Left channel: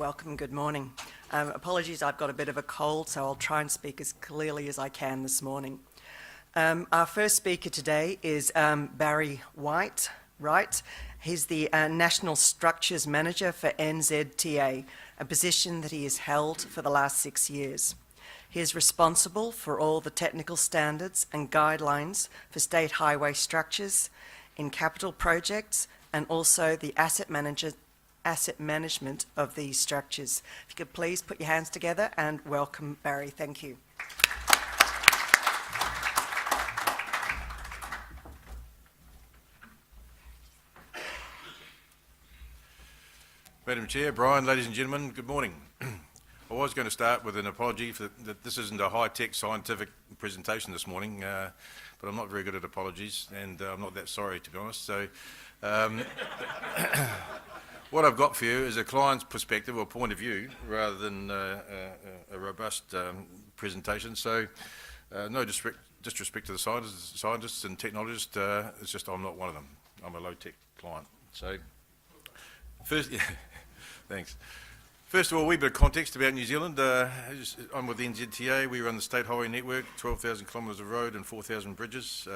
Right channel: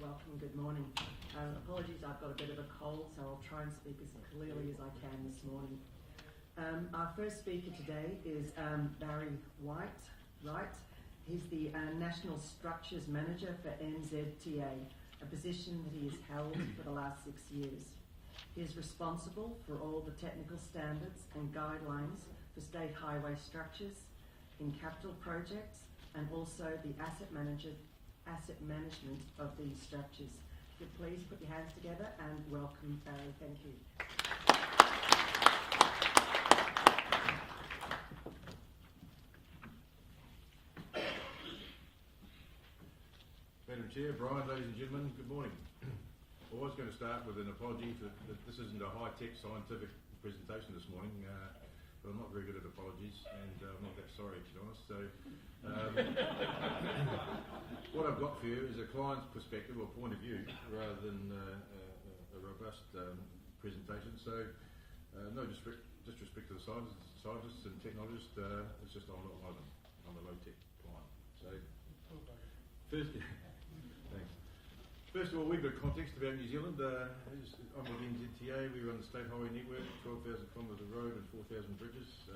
welcome, good morning. Apologies, I've got a bit of a cold, so I'll try and speak as clearly as I can this morning. Our first speaker today is Barry Wright. He's the National Structures Manager for NZTA, a position that he has held for the last 6 years. He is responsible for all the technical standards and guidelines for state highway structures in capital projects and also the asset management of these structures. If you could please put your hands together and welcome Barry. Thank you. Madam Chair, Brian, ladies and gentlemen, good morning. I was going to start with an apology for that this isn't a high-tech scientific presentation this morning, but I'm not very good at apologies, and I'm not that sorry, to be honest. So what I've got for you is a client's perspective or point of view rather than a robust presentation. So no disrespect to the scientists and technologists, it's just I'm not one of them. I'm a low-tech client. So first, thanks. First of all, a wee bit of context about New Zealand. I'm with NZTA. We run the State Highway Network, 12,000 kilometres of road and 4,000 bridges.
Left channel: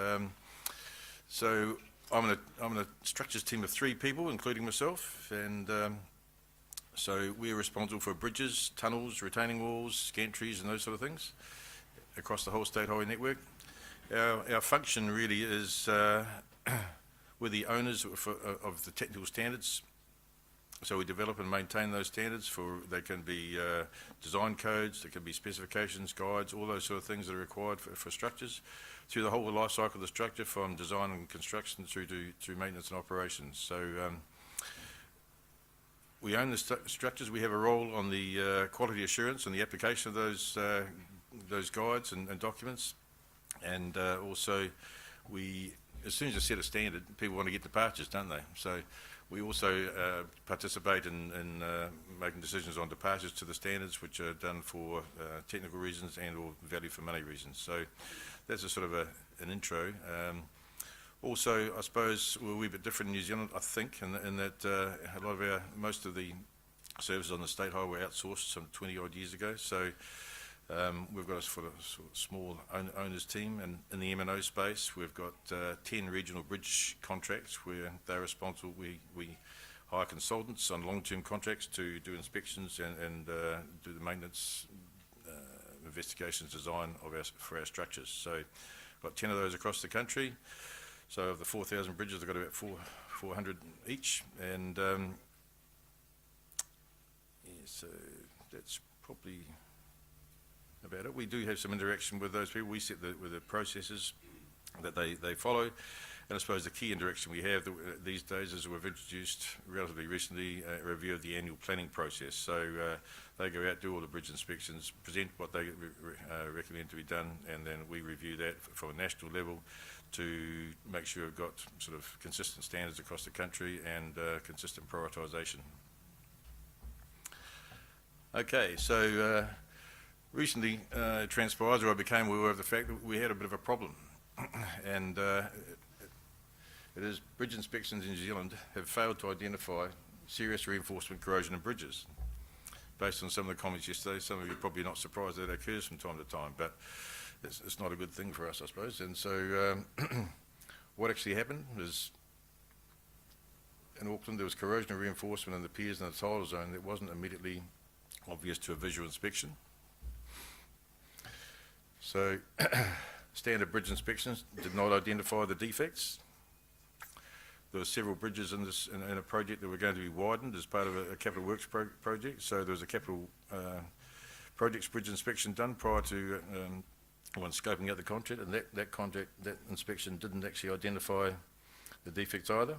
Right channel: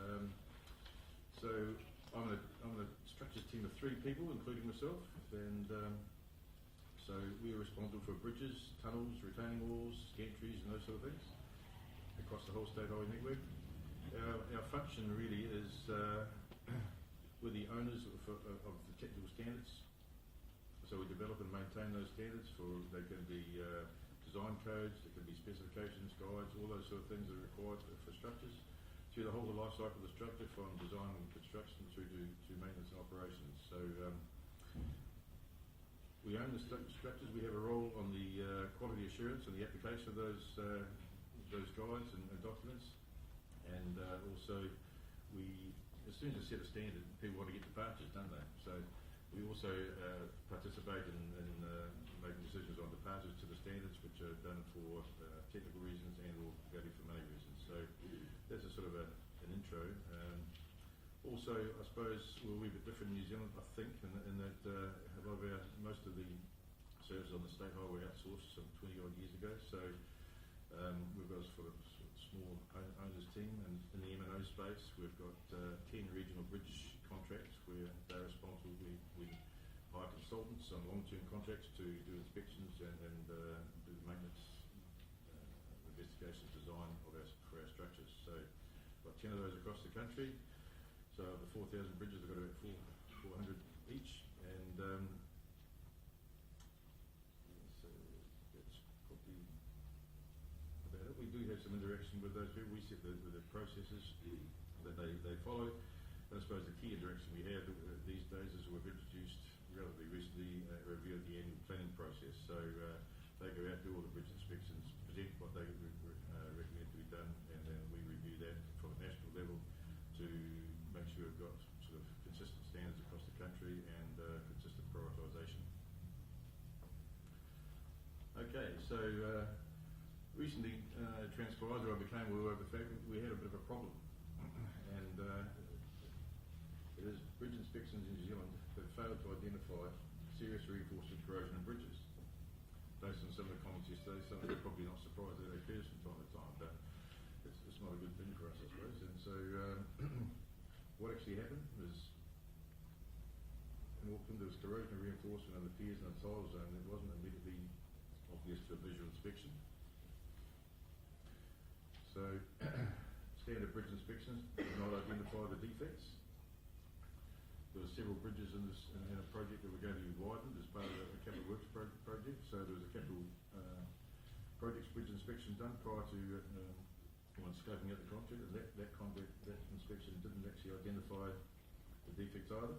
So I'm in a structures team of 3 people, including myself, and so we're responsible for bridges, tunnels, retaining walls, gantries and those sort of things across the whole State Highway Network. Our function really is we're the owners of the technical standards. So we develop and maintain those standards. They can be design codes, they can be specifications, guides, all those sort of things that are required for structures through the whole life cycle of the structure, from design and construction through to maintenance and operations. So we own the structures. We have a role on the quality assurance and the application of those guides and documents, and also as soon as you set a standard, people want to get departures, don't they? So we also participate in making decisions on departures to the standards, which are done for technical reasons and or value for money reasons. So that's a sort of an intro. Also, I suppose we're a wee bit different in New Zealand, I think, in that a lot of most of the services on the state highway outsourced some 20 odd years ago. So we've got a sort of small owners team, and in the M&O space we've got 10 regional bridge contracts where they're responsible. We hire consultants on long-term contracts to do inspections and do the maintenance, investigations, design for our structures. So got 10 of those across the country. So of the 4,000 bridges, they've got about 400 each, and so that's probably about it. We do have some interaction with those people. We set with the processes that they follow, and I suppose the key interaction we have these days is we've introduced relatively recently a review of the annual planning process. So they go out, do all the bridge inspections, present what they recommend to be done, and then we review that from a national level to make sure we've got sort of consistent standards across the country and consistent prioritisation. Okay, so recently transpires, or I became aware of the fact that we had a bit of a problem, and it is bridge inspections in New Zealand have failed to identify serious reinforcement corrosion in bridges. Based on some of the comments yesterday, some of you are probably not surprised that occurs from time to time, but it's not a good thing for us, I suppose. And so what actually happened is in Auckland there was corrosion and reinforcement in the piers and the tidal zone that wasn't immediately obvious to a visual inspection. So standard bridge inspections did not identify the defects. There were several bridges in a project that were going to be widened as part of a capital works project. So there was a capital projects bridge inspection done prior to when scoping out the contract, and that inspection didn't actually identify the defects either.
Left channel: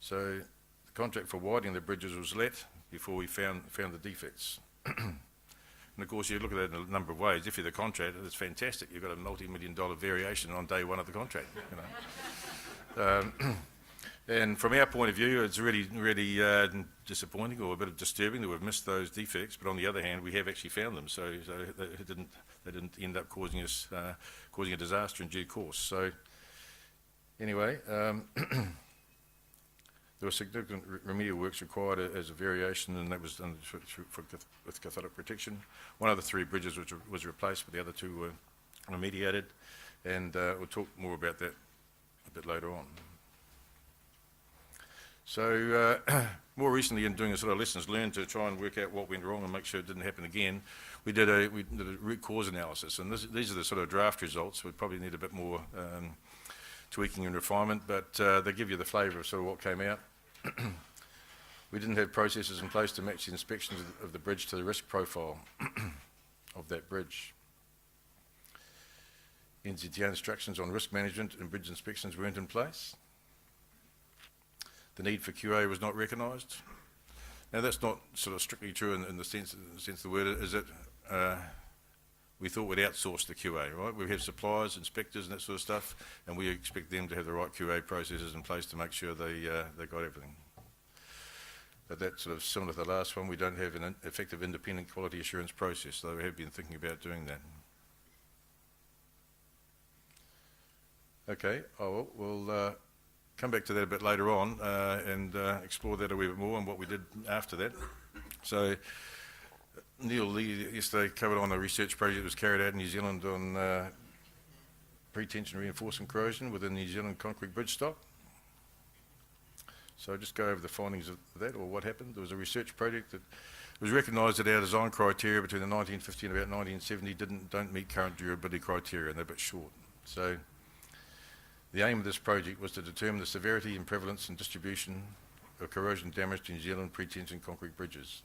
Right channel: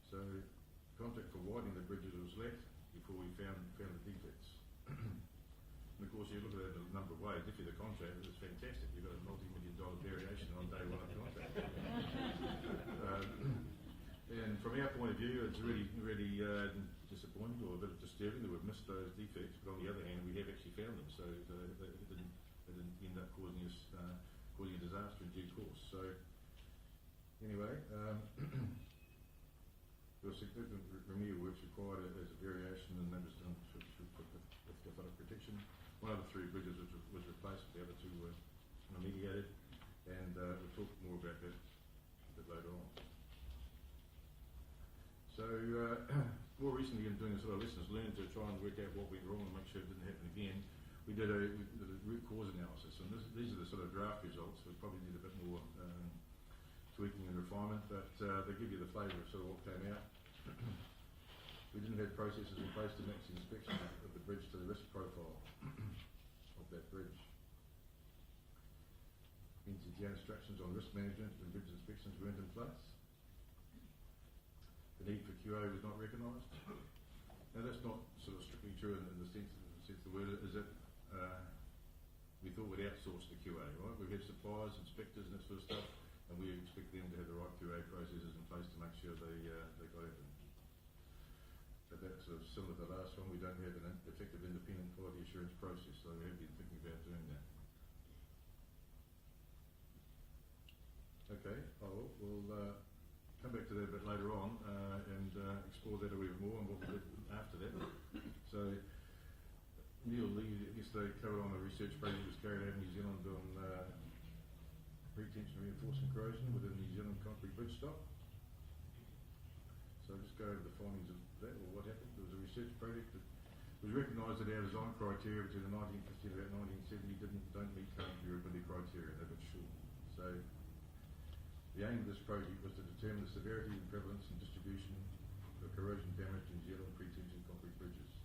So the contract for widening the bridges was let before we found the defects. And of course, you look at it in a number of ways. If you're the contractor, it's fantastic. You've got a multi-million-dollar variation on day one of the contract. You know. And from our point of view, it's really disappointing, or a bit disturbing, that we've missed those defects. But on the other hand, we have actually found them, so they didn't end up causing a disaster in due course. So anyway, There were significant remedial works required as a variation, and that was done with cathodic protection. One of the 3 bridges was replaced, but the other 2 were remediated, and we'll talk more about that a bit later on. So more recently, in doing a sort of lessons learned to try and work out what went wrong and make sure it didn't happen again, we did a root cause analysis, and these are the sort of draft results. We probably need a bit more tweaking and refinement, but they give you the flavour of sort of what came out. We didn't have processes in place to match the inspections of the bridge to the risk profile of that bridge. NZTA instructions on risk management and bridge inspections weren't in place. The need for QA was not recognised. Now that's not sort of strictly true in the sense of the word, is that we thought we'd outsource the QA, right? We have suppliers, inspectors and that sort of stuff, and we expect them to have the right QA processes in place to make sure they got everything. But that's sort of similar to the last one. We don't have an effective independent quality assurance process, so we have been thinking about doing that. Okay, we'll come back to that a bit later on and explore that a wee bit more and what we did after that. So Neil Lee yesterday covered on a research project that was carried out in New Zealand on pre-tension reinforcement corrosion within the New Zealand concrete bridge stock. So I'll just go over the findings of that, or what happened. There was a research project that was recognised that our design criteria between the 1950 and about 1970 don't meet current durability criteria, and they're a bit short. So the aim of this project was to determine the severity and prevalence and distribution of corrosion damage to New Zealand pre-tension concrete bridges.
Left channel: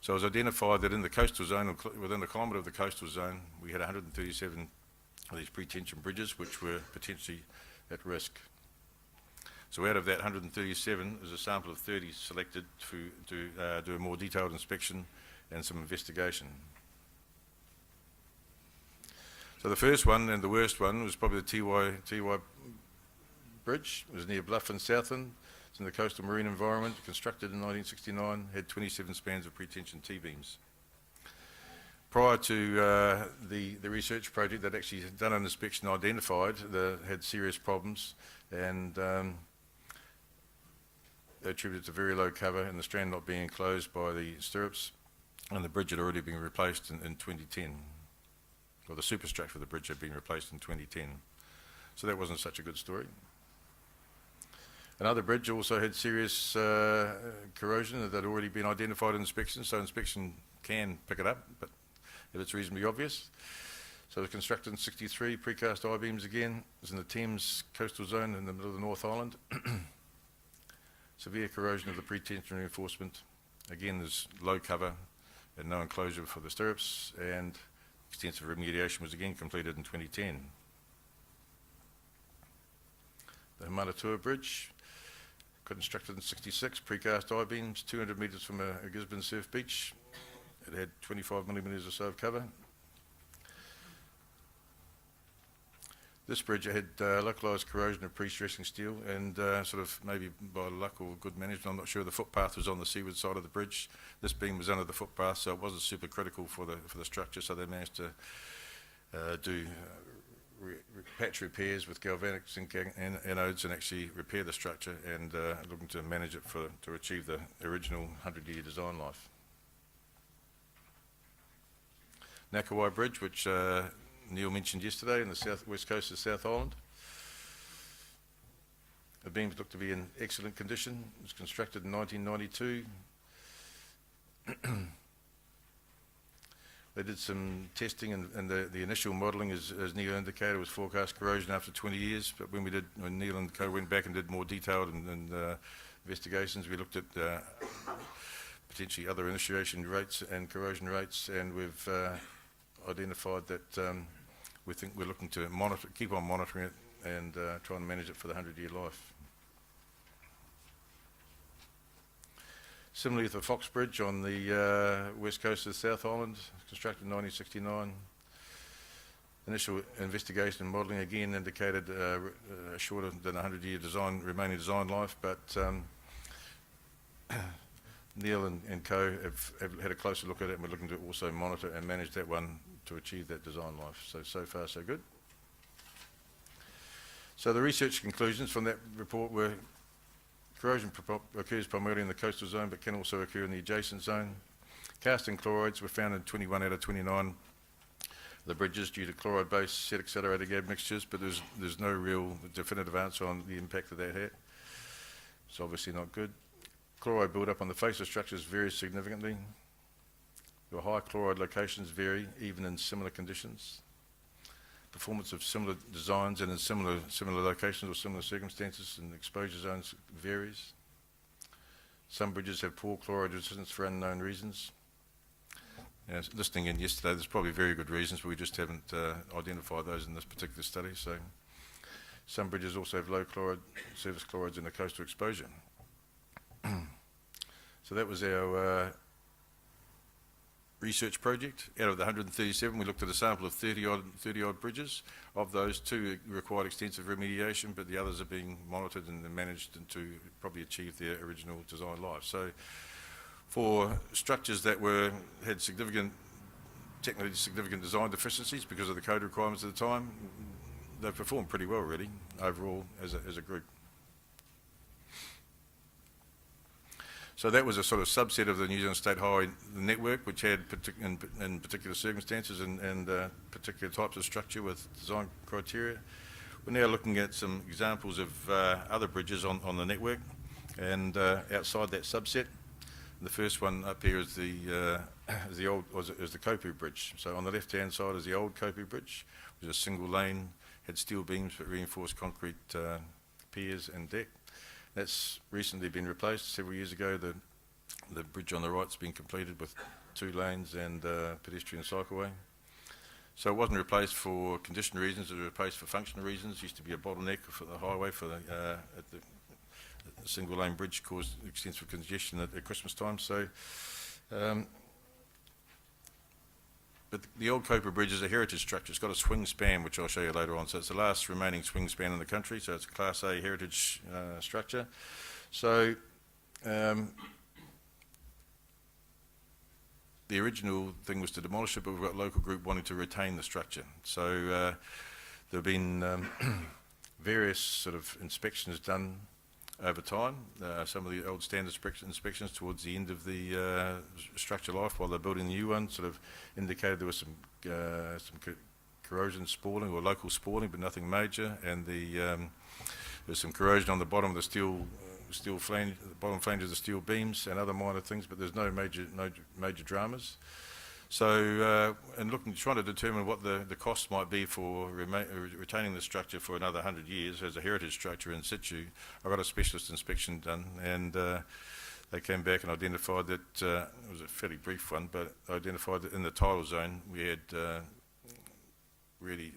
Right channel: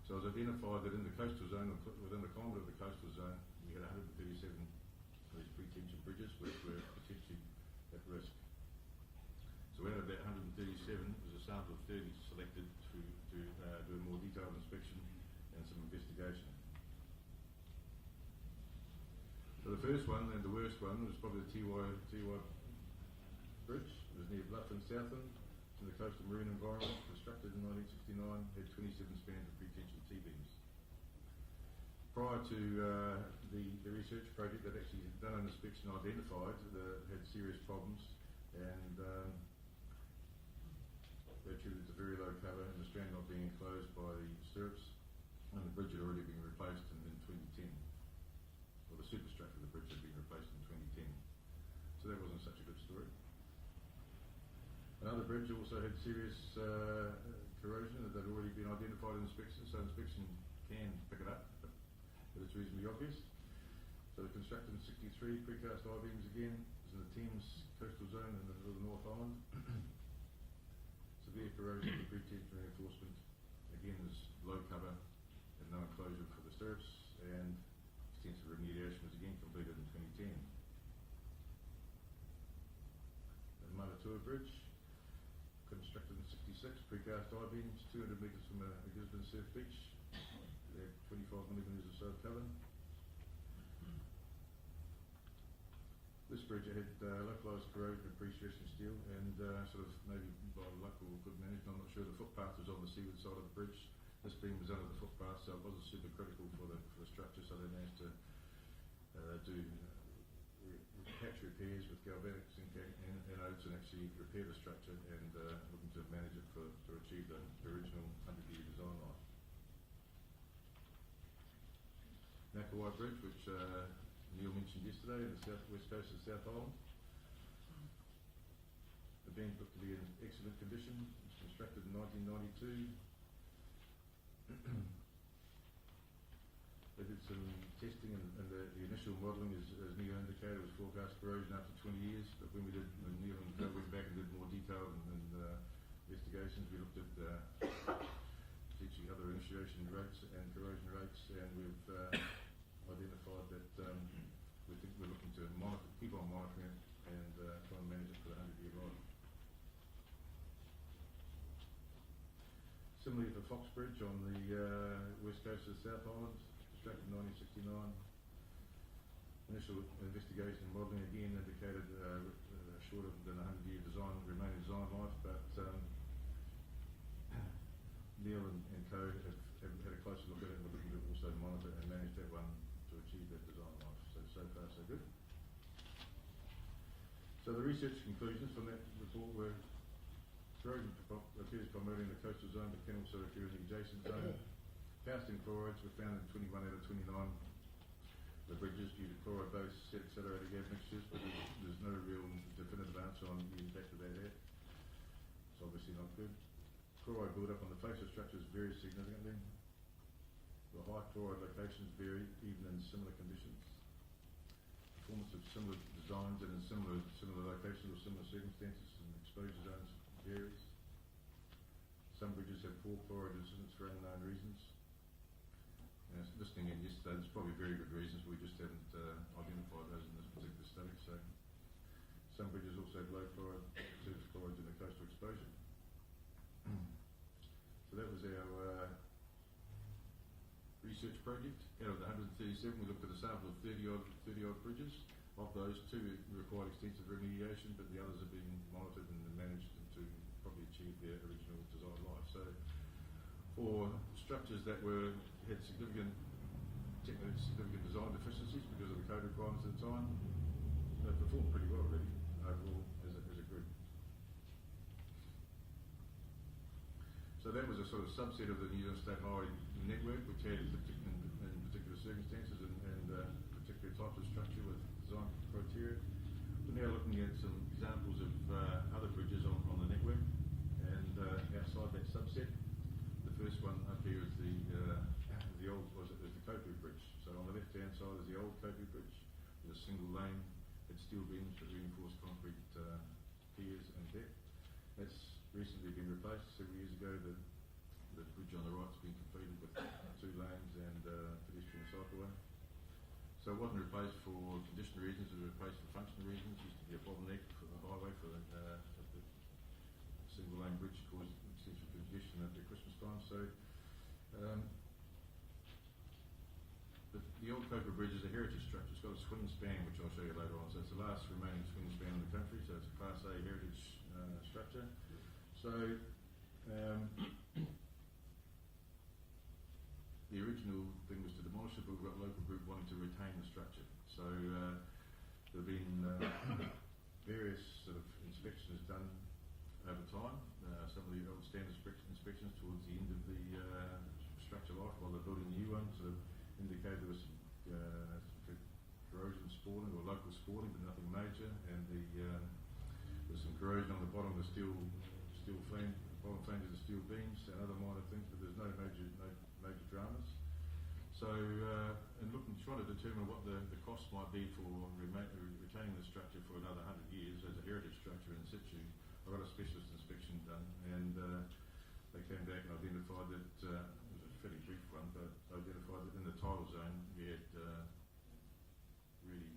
So it was identified that in the coastal zone, within a kilometre of the coastal zone, we had 137 of these pre-tension bridges which were potentially at risk. So out of that 137, there's a sample of 30 selected to do a more detailed inspection and some investigation. So the first one and the worst one was probably the TY Bridge. It was near Bluff in Southland. It's in the coastal marine environment, constructed in 1969, had 27 spans of pre-tension T-beams. Prior to the research project, that actually had done an inspection, identified had serious problems, and they attributed to very low cover and the strand not being enclosed by the stirrups, and the bridge had already been replaced in 2010. Or the superstructure of the bridge had been replaced in 2010. So that wasn't such a good story. Another bridge also had serious corrosion that had already been identified in inspection, so inspection can pick it up, but if it's reasonably obvious. So it was constructed in 63, precast I-beams again. It was in the Thames coastal zone in the middle of the North Island. Severe corrosion of the pre-tension reinforcement. Again, there's low cover and no enclosure for the stirrups, and extensive remediation was again completed in 2010. The Manatua Bridge, constructed in 66, precast I-beams, 200 metres from a Gisborne surf beach. It had 25 millimetres or so of cover. This bridge had localised corrosion of pre-stressing steel, and sort of maybe by luck or good management, I'm not sure, the footpath was on the seaward side of the bridge. This beam was under the footpath, so it wasn't super critical for the structure, so they managed to do patch repairs with galvanic zinc anodes and actually repair the structure, and looking to manage it to achieve the original 100-year design life. Nakawai Bridge, which Neil mentioned yesterday, in the southwest coast of South Island. The beams look to be in excellent condition. It was constructed in 1992. They did some testing, and the initial modelling, as Neil indicated, was forecast corrosion after 20 years. But when Neil and co went back and did more detailed investigations, we looked at potentially other initiation rates and corrosion rates, and we've identified that we think we're looking to keep on monitoring it and try and manage it for the 100-year life. Similarly with the Fox Bridge on the west coast of South Island, constructed in 1969. Initial investigation and modelling again indicated shorter than 100-year remaining design life, but Neil and co have had a closer look at it, and we're looking to also monitor and manage that one to achieve that design life. So far so good. So the research conclusions from that report were Corrosion occurs primarily in the coastal zone but can also occur in the adjacent zone. Casting chlorides were found in 21 out of 29 of the bridges due to chloride-based set accelerated admixtures, but there's no real definitive answer on the impact that had. It's obviously not good. Chloride build-up on the face of structures varies significantly. The high chloride locations vary even in similar conditions. Performance of similar designs and in similar locations or similar circumstances and exposure zones varies. Some bridges have poor chloride resistance for unknown reasons. Listening in yesterday, there's probably very good reasons, but we just haven't identified those in this particular study. So some bridges also have low chloride, surface chlorides in the coastal exposure. So that was our research project. Out of the 137, we looked at a sample of 30 odd bridges. Of those, 2 required extensive remediation, but the others are being monitored and managed to probably achieve their original design life. So for structures that had technically significant design deficiencies because of the code requirements at the time, they performed pretty well really, overall as a group. So that was a sort of subset of the New Zealand State Highway network, which had in particular circumstances and particular types of structure with design criteria. We're now looking at some examples of other bridges on the network and outside that subset. The first one up here is the Kopu Bridge. So on the left-hand side is the old Kopu Bridge, which was a single lane, had steel beams but reinforced concrete piers and deck. That's recently been replaced. Several years ago, the bridge on the right's been completed with 2 lanes and pedestrian cycleway. So it wasn't replaced for condition reasons, it was replaced for functional reasons. It used to be a bottleneck for the highway at the single lane bridge caused extensive congestion at Christmas time. So, but the old Kopu Bridge is a heritage structure. It's got a swing span, which I'll show you later on. So it's the last remaining swing span in the country. So it's a Class A heritage structure. So the original thing was to demolish it, but we've got a local group wanting to retain the structure. So there have been various sort of inspections done over time. Some of the old standard inspections towards the end of the structure life while they're building the new one sort of indicated there was some corrosion spalling or local spalling, but nothing major, and there's some corrosion on the bottom of the steel flange, the bottom flange of the steel beams and other minor things, but there's no major dramas. So, and trying to determine what the cost might be for retaining the structure for another 100 years as a heritage structure in situ, I got a specialist inspection done, and they came back and identified that, it was a fairly brief one, but identified that in the tidal zone we had really,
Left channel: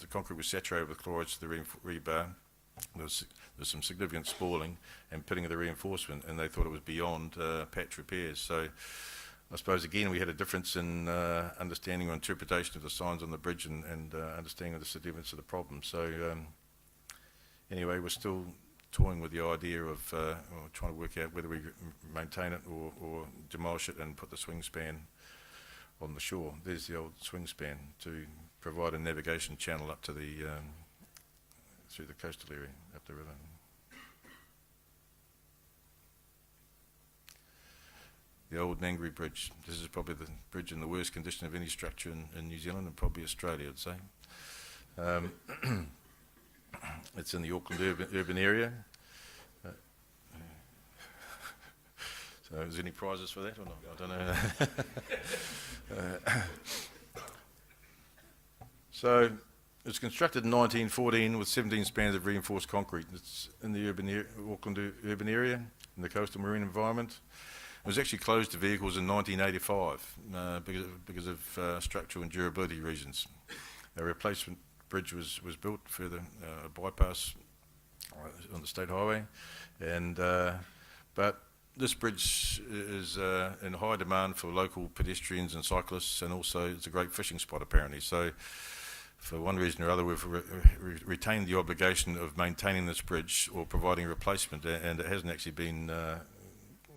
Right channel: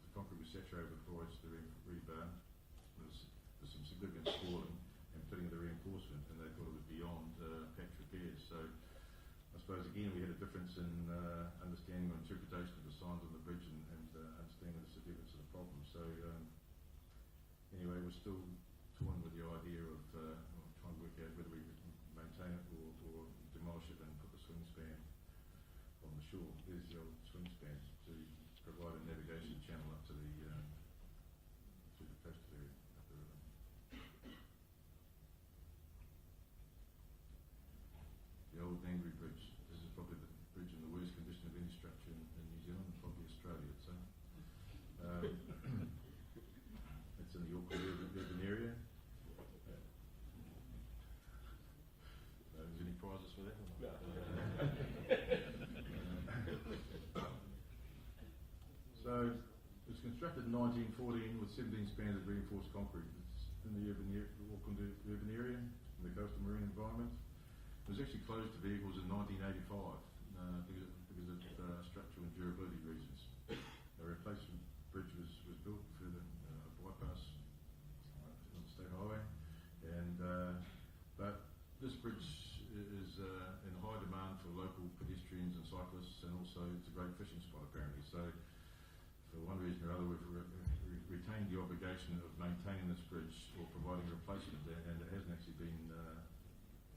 the concrete was saturated with chlorides to the rebar. There's some significant spalling and pitting of the reinforcement, and they thought it was beyond patch repairs. So I suppose again we had a difference in understanding or interpretation of the signs on the bridge and understanding of the significance of the problem. So anyway, we're still toying with the idea of trying to work out whether we maintain it or demolish it and put the swing span on the shore. There's the old swing span to provide a navigation channel up to the through the coastal area, up the river. The old Nangri Bridge. This is probably the bridge in the worst condition of any structure in New Zealand and probably Australia, I'd say. It's in the Auckland urban area. So is there any prizes for that or not? I don't know. So it's constructed in 1914 with 17 spans of reinforced concrete. It's in the Auckland urban area, in the coastal marine environment. It was actually closed to vehicles in 1985 because of structural and durability reasons. A replacement bridge was built for the bypass on the state highway, and but this bridge is in high demand for local pedestrians and cyclists, and also it's a great fishing spot apparently. So for one reason or other, we've retained the obligation of maintaining this bridge or providing a replacement, and it hasn't actually been,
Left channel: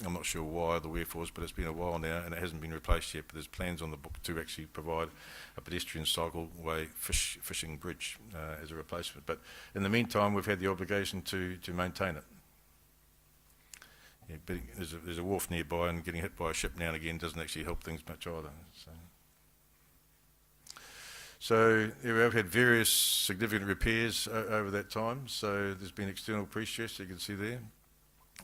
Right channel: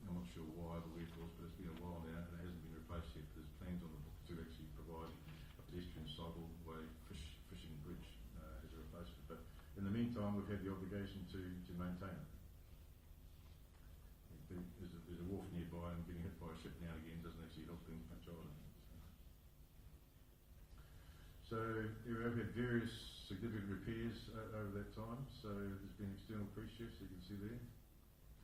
I'm not sure why or the wherefores, but it's been a while now and it hasn't been replaced yet, but there's plans on the book to actually provide a pedestrian cycleway fishing bridge as a replacement. But in the meantime, we've had the obligation to maintain it. yeah, but there's a wharf nearby, and getting hit by a ship now and again doesn't actually help things much either. So yeah, we've had various significant repairs over that time. So there's been external pre-stress, you can see there.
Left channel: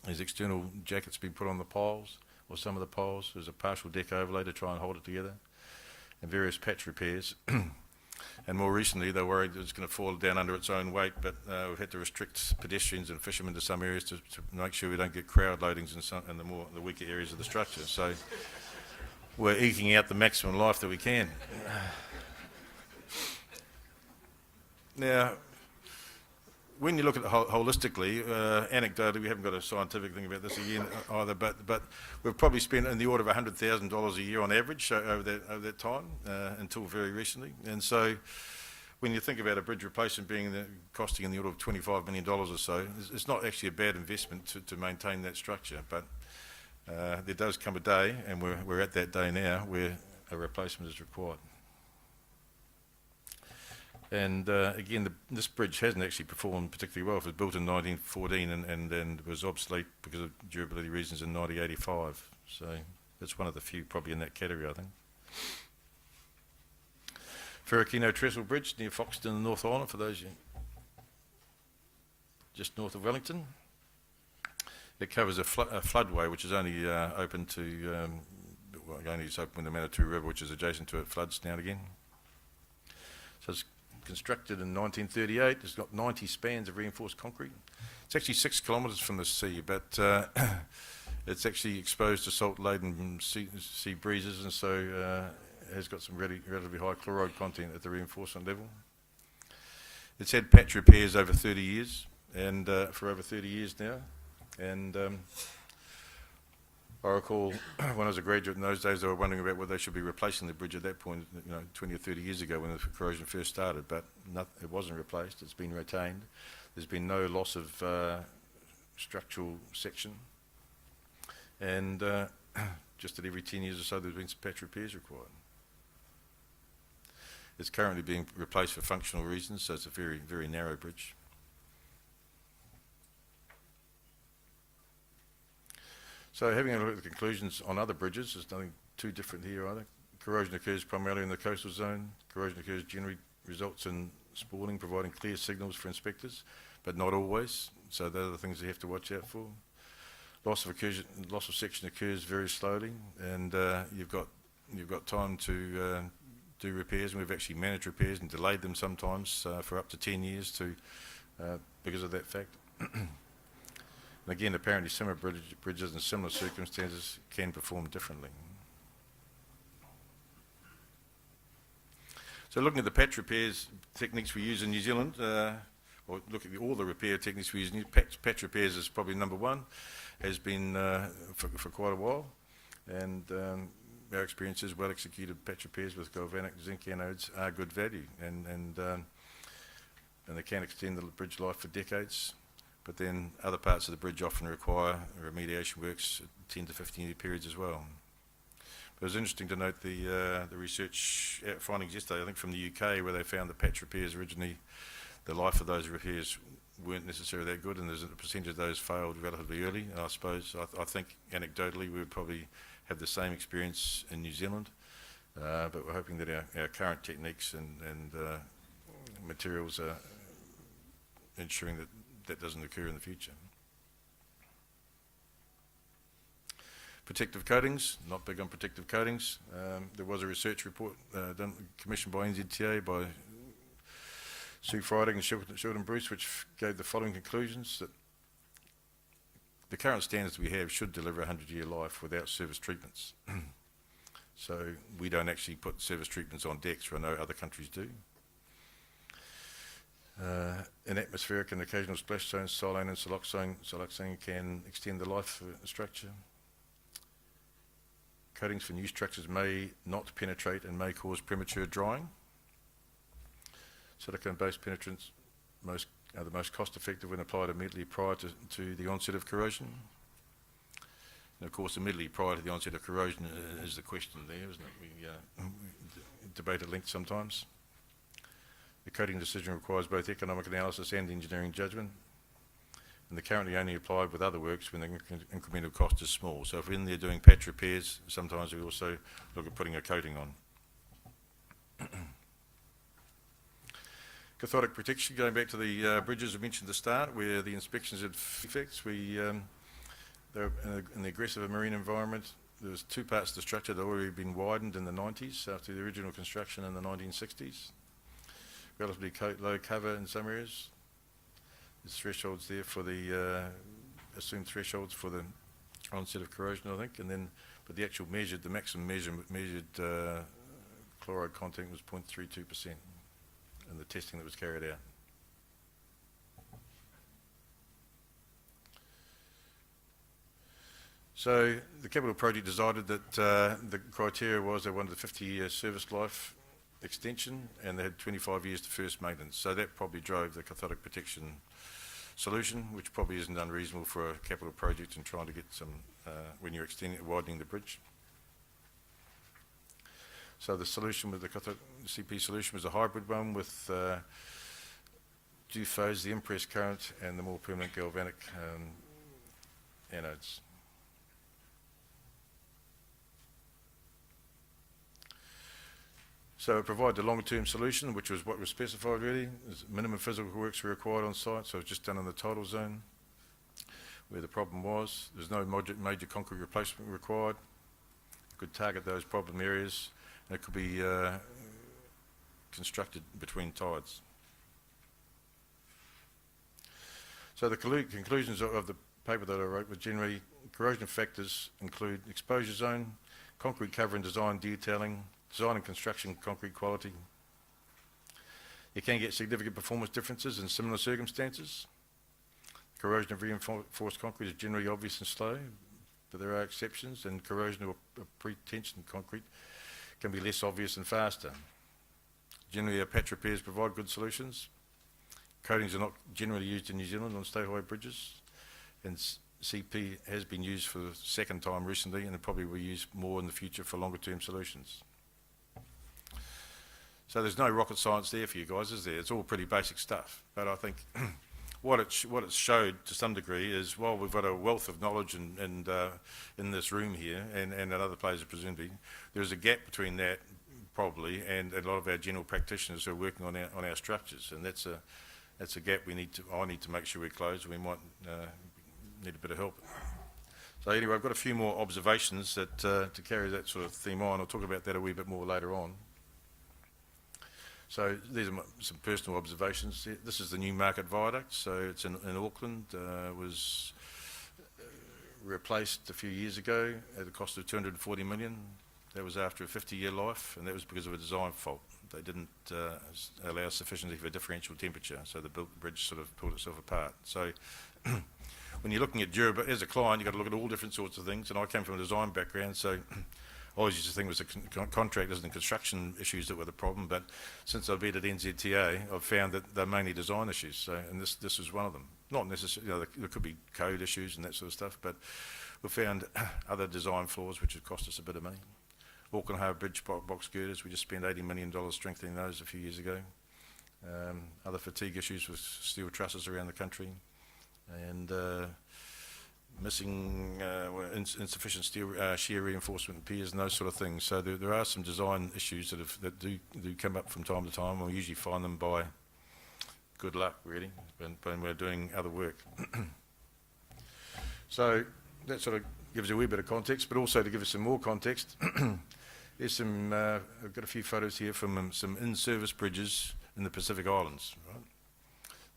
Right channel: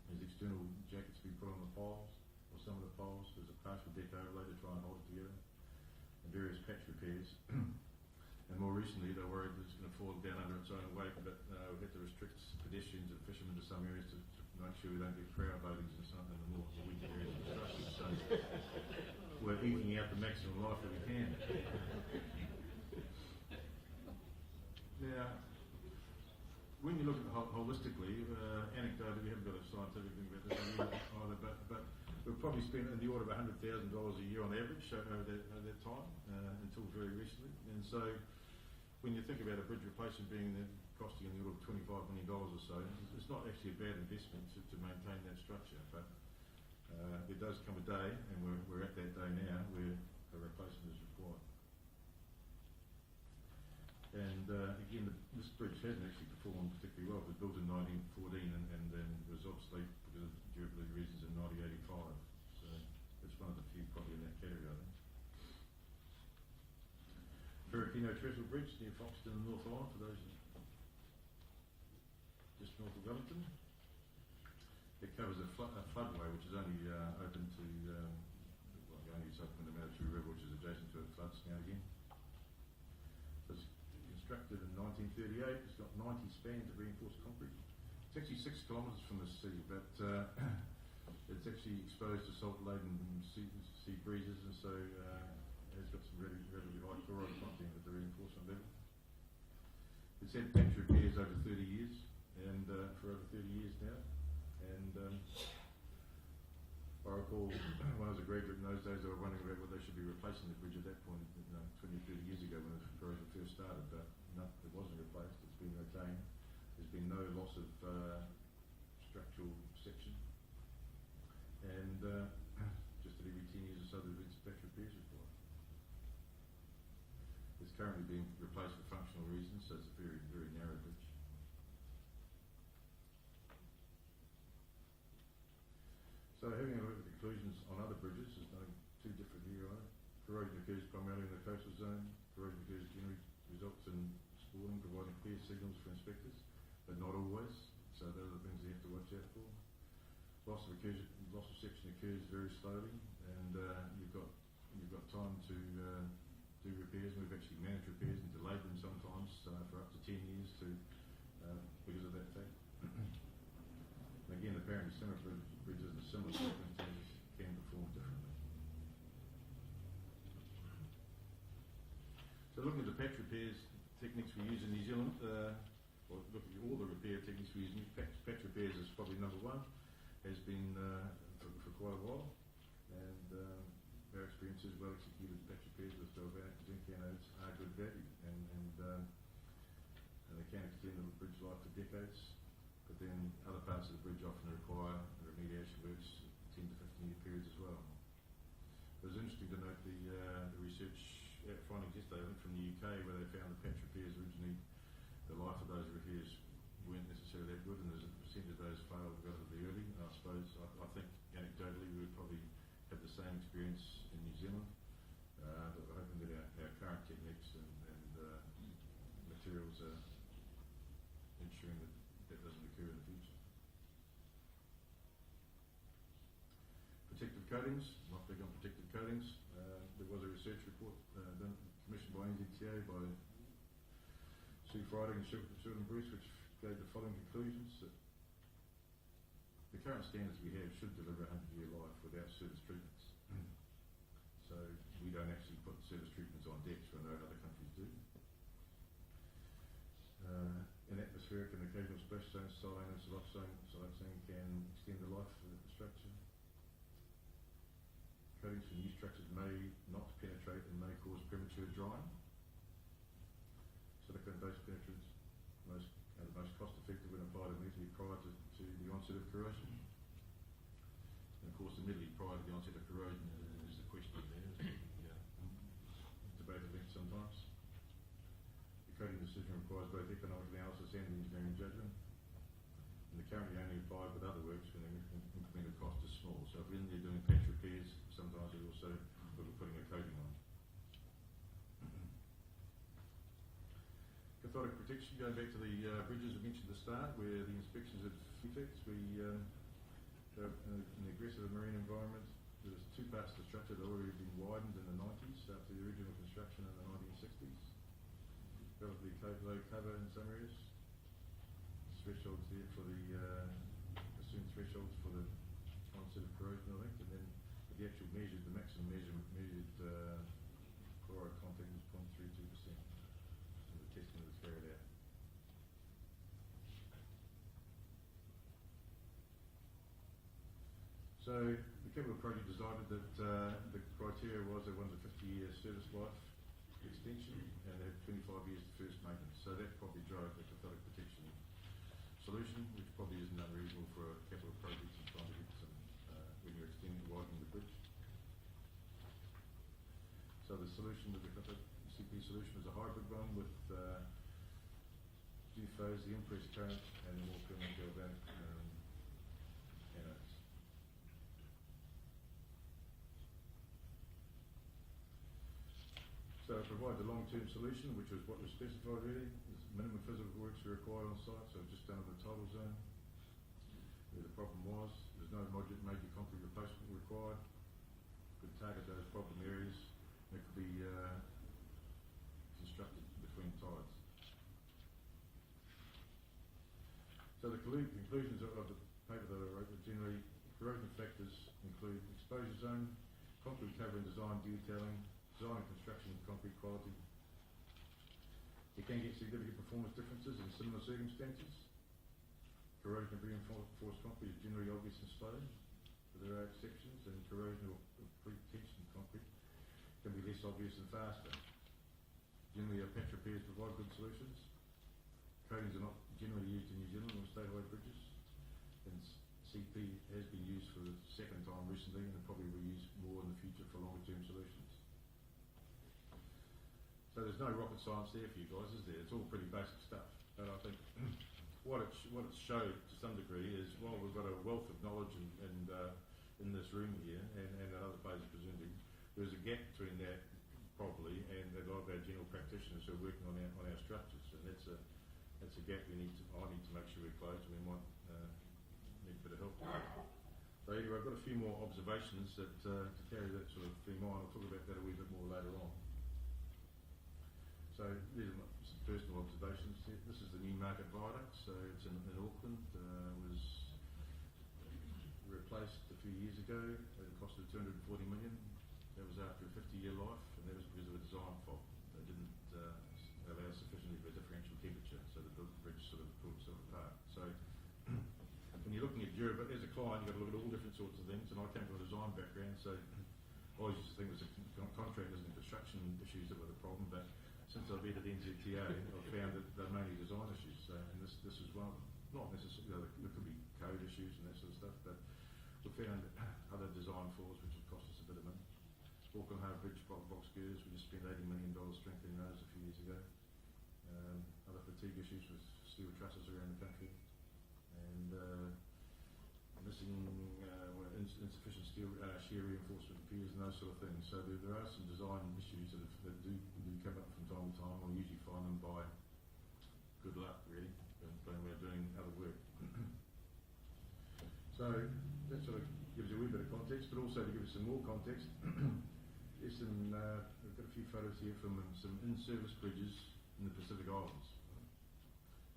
There's external jackets being put on the piles, or some of the piles. There's a partial deck overlay to try and hold it together, and various patch repairs. And more recently, they're worried that it's going to fall down under its own weight, but we've had to restrict pedestrians and fishermen to some areas to make sure we don't get crowd loadings in the weaker areas of the structure. So we're eking out the maximum life that we can. Now, when you look at it holistically, anecdotally, we haven't got a scientific thing about this again either, but we've probably spent in the order of $100,000 a year on average over that time until very recently. And so when you think about a bridge replacement costing in the order of $25 million or so, it's not actually a bad investment to maintain that structure. But there does come a day, and we're at that day now, where a replacement is required. And again, this bridge hasn't actually performed particularly well. It was built in 1914 and was obsolete because of durability reasons in 1985. So it's one of the few probably in that category, I think. Ferrokino Trestle Bridge near Foxton in the North Island, for those just north of Wellington. It covers a floodway which is only open to, only is open when the Manatoo River, which is adjacent to it, floods now and again. So it's constructed in 1938. It's got 90 spans of reinforced concrete. It's actually 6 kilometres from the sea, but it's actually exposed to salt-laden sea breezes, and so has got some relatively high chloride content at the reinforcement level. It's had patch repairs over 30 years, and for over 30 years now. And I recall when I was a graduate in those days, they were wondering about whether they should be replacing the bridge at that point, 20 or 30 years ago when the corrosion first started, but it wasn't replaced. It's been retained. There's been no loss of structural section, and just at every 10 years or so there's been some patch repairs required. It's currently being replaced for functional reasons, so it's a very, very narrow bridge. So having a look at the conclusions on other bridges, there's nothing too different here either. Corrosion occurs primarily in the coastal zone. Corrosion occurs generally results in spalling, providing clear signals for inspectors, but not always. So those are the things you have to watch out for. Loss of section occurs very slowly, and you've got time to do repairs, and we've actually managed repairs and delayed them sometimes for up to 10 years because of that fact. And again, apparently similar bridges in similar circumstances can perform differently. So looking at the patch repairs techniques we use in New Zealand, or look at all the repair techniques we use, patch repairs is probably number one, has been for quite a while, and our experience is well-executed patch repairs with galvanic zinc anodes are good value, and they can extend the bridge life for decades. But then other parts of the bridge often require remediation works, 10 to 15 year periods as well. But it was interesting to note the research findings yesterday, I think from the UK, where they found the patch repairs originally, the life of those repairs weren't necessarily that good, and there's a percentage of those failed relatively early. And I suppose, I think anecdotally we would probably have the same experience in New Zealand, but we're hoping that our current techniques and materials are ensuring that that doesn't occur in the future. Protective coatings, not big on protective coatings. There was a research report commissioned by NZTA by Sue Friday and Sheldon Bruce, which gave the following conclusions: that the current standards we have should deliver a 100-year life without service treatments. So we don't actually put service treatments on decks, where I know other countries do. In atmospheric and occasional splash zones, silane and siloxane can extend the life of a structure. Coatings for new structures may not penetrate and may cause premature drying. Silicone-based penetrants are the most cost-effective when applied immediately prior to the onset of corrosion. And of course, immediately prior to the onset of corrosion is the question there, isn't it? We debate at length sometimes. The coating decision requires both economic analysis and engineering judgment. and they're currently only applied with other works when the incremental cost is small. So if we're in there doing patch repairs, sometimes we also look at putting a coating on. Cathodic protection, going back to the bridges I mentioned at the start, where the inspections had defects. They're in the aggressive marine environment. There was two parts of the structure that had already been widened in the 90s after the original construction in the 1960s. Relatively low cover in some areas. There's thresholds there for the assumed thresholds for the onset of corrosion, I think, and then but the actual measured, the maximum measured chloride content was 0.32% in the testing that was carried out. So the capital project decided that the criteria was they wanted a 50-year service life extension, and they had 25 years to first maintenance. So that probably drove the cathodic protection solution, which probably isn't unreasonable for a capital project and trying to get some when you're widening the bridge. So the solution with the CP solution was a hybrid one with two-phase, the impress current, and the more permanent galvanic anodes. So it provided a long-term solution, which was what was specified really. Minimum physical works were required on site, so it was just done in the tidal zone where the problem was. There's no major concrete replacement required. Could target those problem areas. It could be constructed between tides. So the conclusions of the paper that I wrote were generally corrosion factors include exposure zone, concrete cover and design detailing, design and construction concrete quality. You can get significant performance differences in similar circumstances. Corrosion of reinforced concrete is generally obvious and slow, but there are exceptions, and corrosion of pre-tensioned concrete can be less obvious and faster. Generally, our patch repairs provide good solutions. Coatings are not generally used in New Zealand on state-high bridges, and CP has been used for the second time recently, and it probably will be used more in the future for longer-term solutions. So there's no rocket science there for you guys, is there? It's all pretty basic stuff. But I think what it showed to some degree is, while we've got a wealth of knowledge in this room here, and at other places presumably, there's a gap between that probably and a lot of our general practitioners who are working on our structures, and that's a gap I need to make sure we close. We might need a bit of help. So anyway, I've got a few more observations that to carry that sort of theme on. I'll talk about that a wee bit more later on. So these are some personal observations. This is the new market viaduct. So it's in Auckland. Was replaced a few years ago at a cost of $240 million. That was after a 50-year life, and that was because of a design fault. They didn't allow sufficiently for differential temperature, so the bridge sort of pulled itself apart. So when you're looking at durability, as a client, you've got to look at all different sorts of things, and I came from a design background, so I always used to think it was the contractors and construction issues that were the problem, but since I've been at NZTA, I've found that they're mainly design issues, so, and this is one of them. Not necessarily, there could be code issues and that sort of stuff, but we found other design flaws which have cost us a bit of money. Auckland Harbour Bridge box girders, we just spent $80 million strengthening those a few years ago. Other fatigue issues with steel trusses around the country, and missing insufficient steel shear reinforcement piers and those sort of things. So there are some design issues that do come up from time to time. We usually find them by good luck, really, when we're doing other work. So that sort of gives you a wee bit of context, but also to give us some more context, there's some, I've got a few photos here from some in-service bridges in the Pacific Islands. Right?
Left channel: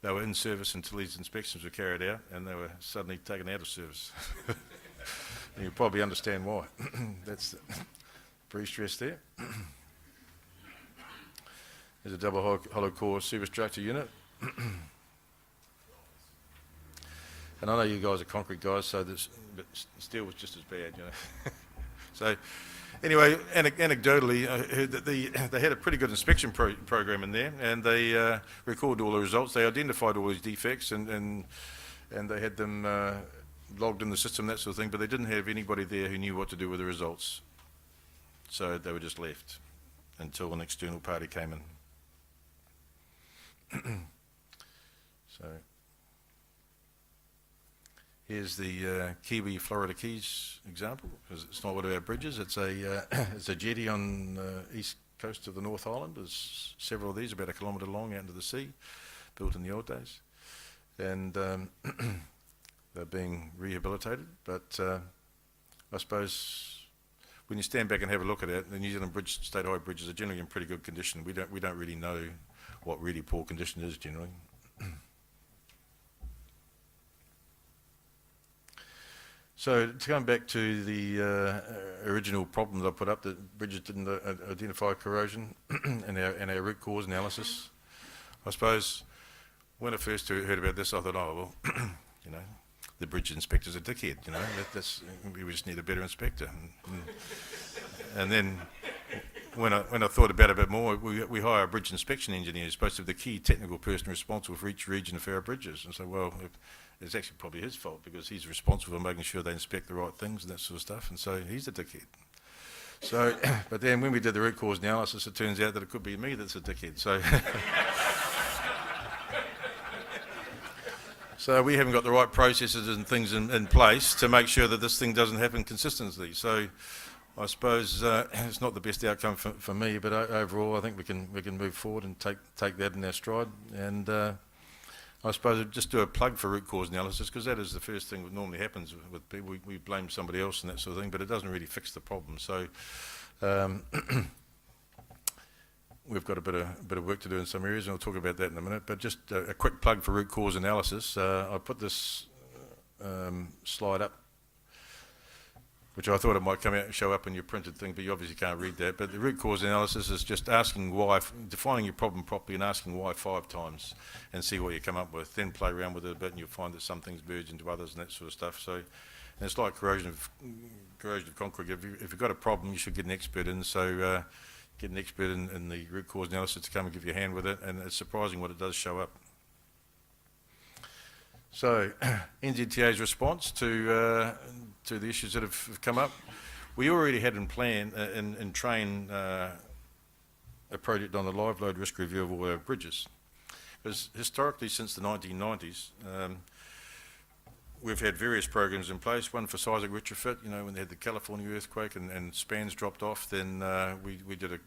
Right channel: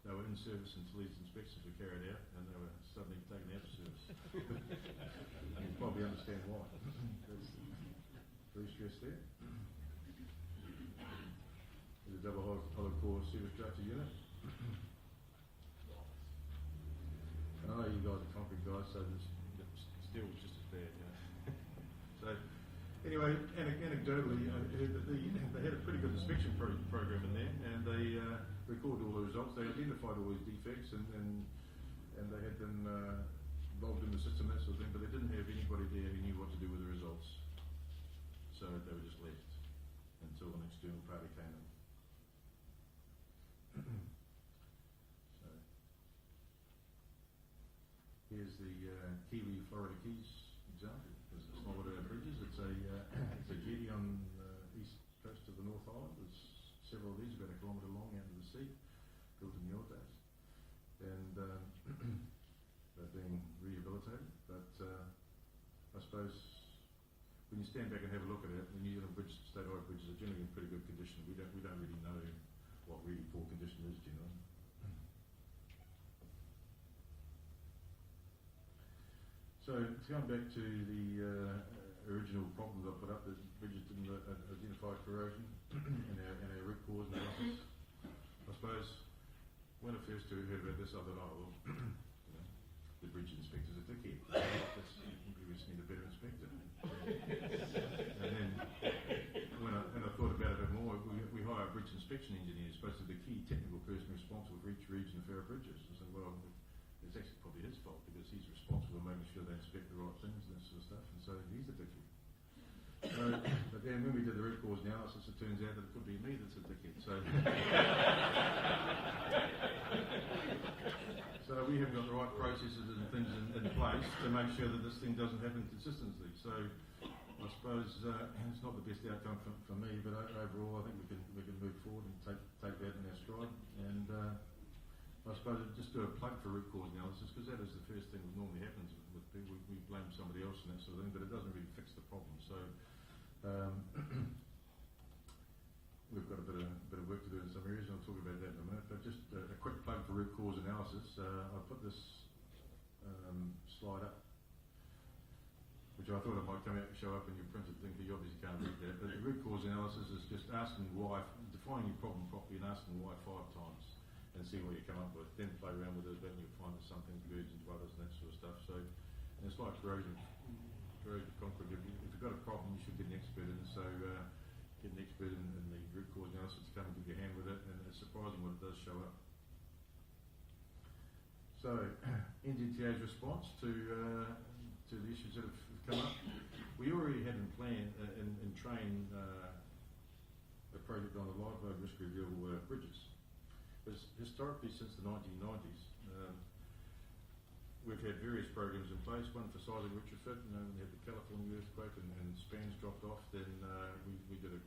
They were in service until these inspections were carried out, and they were suddenly taken out of service. And you probably understand why. That's pre-stress there. There's a double hollow core service structure unit. And I know you guys are concrete guys, so but steel was just as bad, you know. So anyway, anecdotally, I heard that they had a pretty good inspection program in there, and they recorded all the results. They identified all these defects, and they had them logged in the system, that sort of thing, but they didn't have anybody there who knew what to do with the results. So they were just left until an external party came in. So Here's the Kiwi Florida Keys example. It's not one of our bridges. It's a it's a jetty on the east coast of the North Island. There's several of these, about a kilometre long, out into the sea, built in the old days, and they're being rehabilitated. But I suppose when you stand back and have a look at it, the New Zealand state high bridges are generally in pretty good condition. We don't really know what really poor condition is generally. So to come back to the original problem that I put up, that bridges didn't identify corrosion in our root cause analysis, I suppose when I first heard about this, I thought, oh, well, you know, the bridge inspector's a dickhead, you know, we just need a better inspector. And then when I thought about it a bit more, we hire a bridge inspection engineer who's supposed to be the key technical person responsible for each region of our bridges. And so, well, it's actually probably his fault because he's responsible for making sure they inspect the right things and that sort of stuff, and so he's a dickhead. So, but then when we did the root cause analysis, it turns out that it could be me that's a dickhead. So, so we haven't got the right processes and things in place to make sure that this thing doesn't happen consistently. So, I suppose it's not the best outcome for me, but overall, I think we can move forward and take that in our stride. And I suppose I'd just do a plug for root cause analysis, because that is the first thing that normally happens with people. We blame somebody else and that sort of thing, but it doesn't really fix the problem. So we've got a bit of work to do in some areas, and I'll talk about that in a minute. But just a quick plug for root cause analysis. I put this slide up, which I thought it might come out and show up in your printed thing, but you obviously can't read that. But the root cause analysis is just asking why, defining your problem properly and asking why 5 times, and see what you come up with. Then play around with it a bit, and you'll find that some things merge into others and that sort of stuff. So, and it's like corrosion of concrete. If you've got a problem, you should get an expert in. So get an expert in the root cause analysis to come and give you a hand with it, and it's surprising what it does show up. So NZTA's response to the issues that have come up. We already had in plan in train a project on the live load risk review of all our bridges. Because historically, since the 1990s, we've had various programs in place. One for seismic retrofit, you know, when they had the California earthquake and spans dropped off, then we did a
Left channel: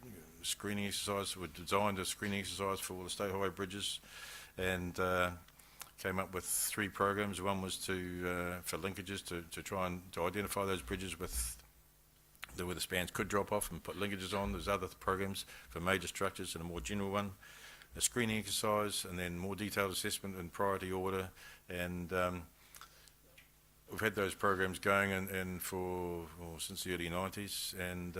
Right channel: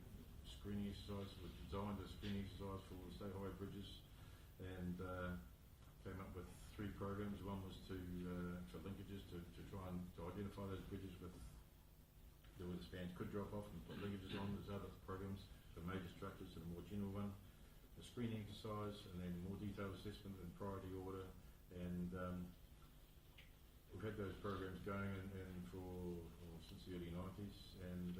screening exercise. We designed a screening exercise for all the state highway bridges, and came up with 3 programs. One was for linkages to try and identify those bridges where the spans could drop off and put linkages on. There's other programs for major structures and a more general one, a screening exercise, and then more detailed assessment in priority order. And we've had those programs going since the early 90s, and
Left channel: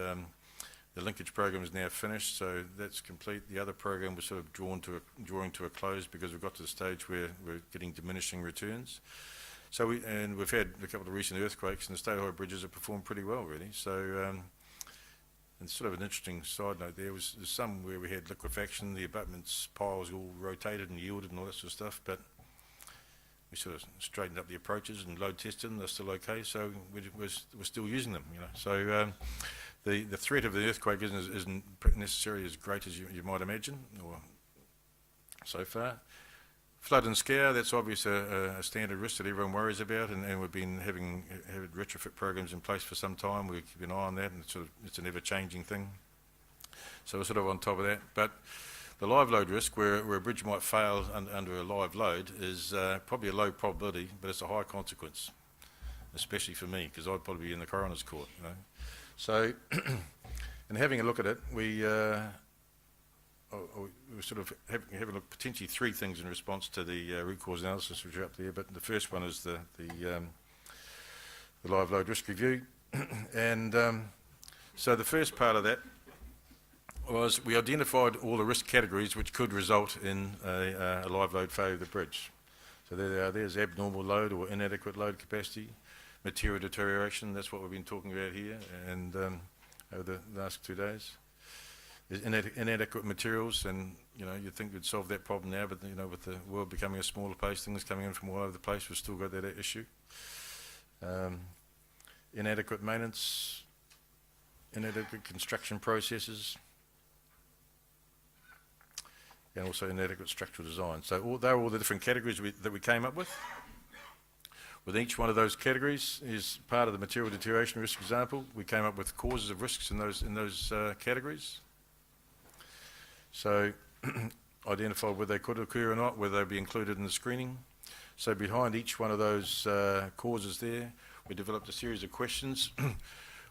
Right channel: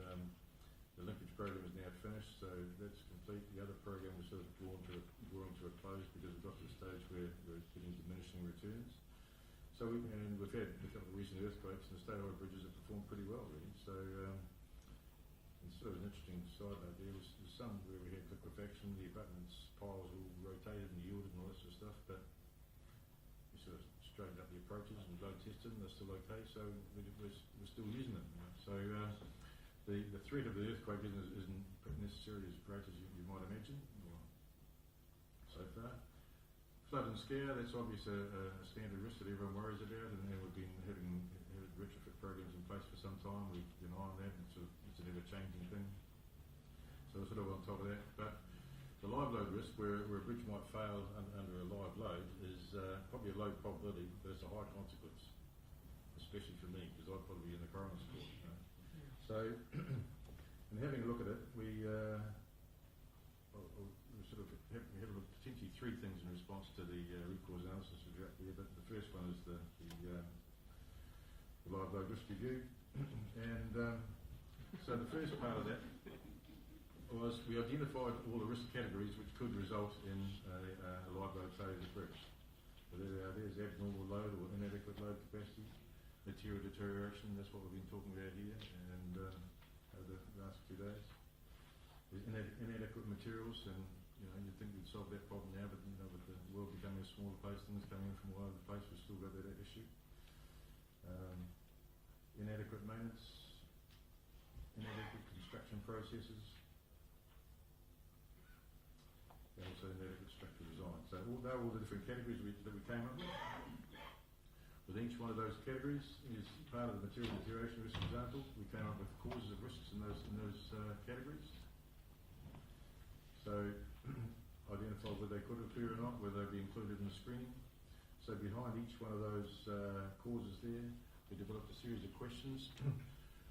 the linkage program is now finished, so that's complete. The other program was sort of drawing to a close because we've got to the stage where we're getting diminishing returns. So we've had a couple of recent earthquakes, and the state high bridges have performed pretty well, really. So and sort of an interesting side note there's some where we had liquefaction, the abutments piles all rotated and yielded and all that sort of stuff, but we sort of straightened up the approaches and load tested them. They're still okay, so we're still using them, you know. So the threat of the earthquake isn't necessarily as great as you might imagine, or so far. Flood and scare, that's obviously a standard risk that everyone worries about, and we've been having retrofit programs in place for some time. We keep an eye on that, and it's an ever-changing thing. So we're sort of on top of that. But the live load risk, where a bridge might fail under a live load, is probably a low probability, but it's a high consequence, especially for me, because I'd probably be in the coroner's court, you know. So, in having a look at it, we sort of have a look, potentially 3 things in response to the root cause analysis, which are up there. But the first one is the live load risk review, and so the first part of that was we identified all the risk categories which could result in a live load failure of the bridge. So there they are. There's abnormal load or inadequate load capacity, material deterioration. That's what we've been talking about here, and over the last 2 days. There's inadequate materials, and you know, you'd think we'd solve that problem now, but you know, with the world becoming a smaller place, things coming in from all over the place, we've still got that issue. Inadequate maintenance, inadequate construction processes, and also inadequate structural design. So they're all the different categories that we came up with. With each one of those categories is part of the material deterioration risk example. We came up with causes of risks in those categories. So identified whether they could occur or not, whether they'd be included in the screening. So behind each one of those causes there, we developed a series of questions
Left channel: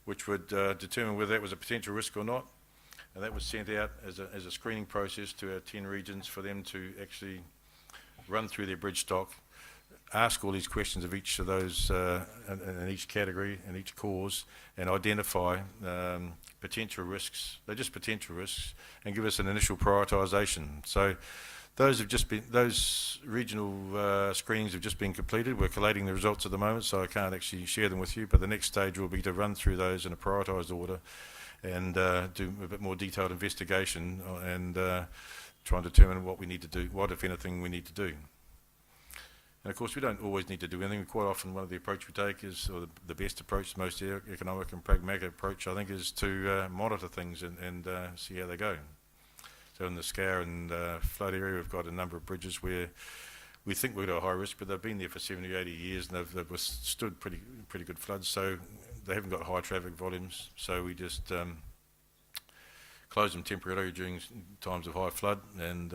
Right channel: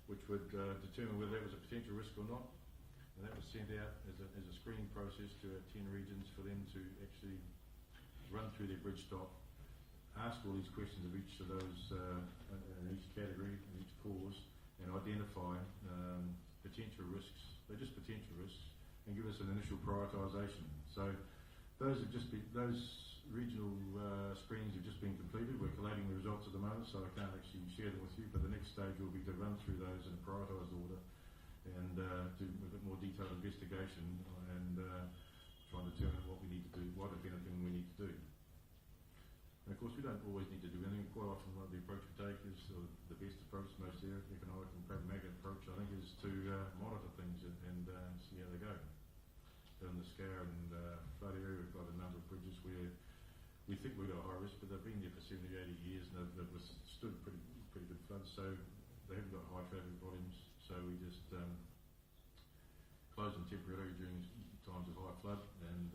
which would determine whether that was a potential risk or not. And that was sent out as a screening process to our 10 regions for them to actually run through their bridge stock, ask all these questions of each of those in each category and each cause, and identify potential risks. They're just potential risks, and give us an initial prioritisation. So those regional screenings have just been completed. We're collating the results at the moment, so I can't actually share them with you, but the next stage will be to run through those in a prioritised order and do a bit more detailed investigation and try and determine what we need to do, what, if anything, we need to do. And of course, we don't always need to do anything. Quite often, one of the approach we take is, or the best approach, the most economic and pragmatic approach, I think, is to monitor things and see how they go. So in the Scour and flood area, we've got a number of bridges where we think we're at a high risk, but they've been there for 70, 80 years, and they've withstood pretty good floods. So they haven't got high traffic volumes. So we just close them temporarily during times of high flood and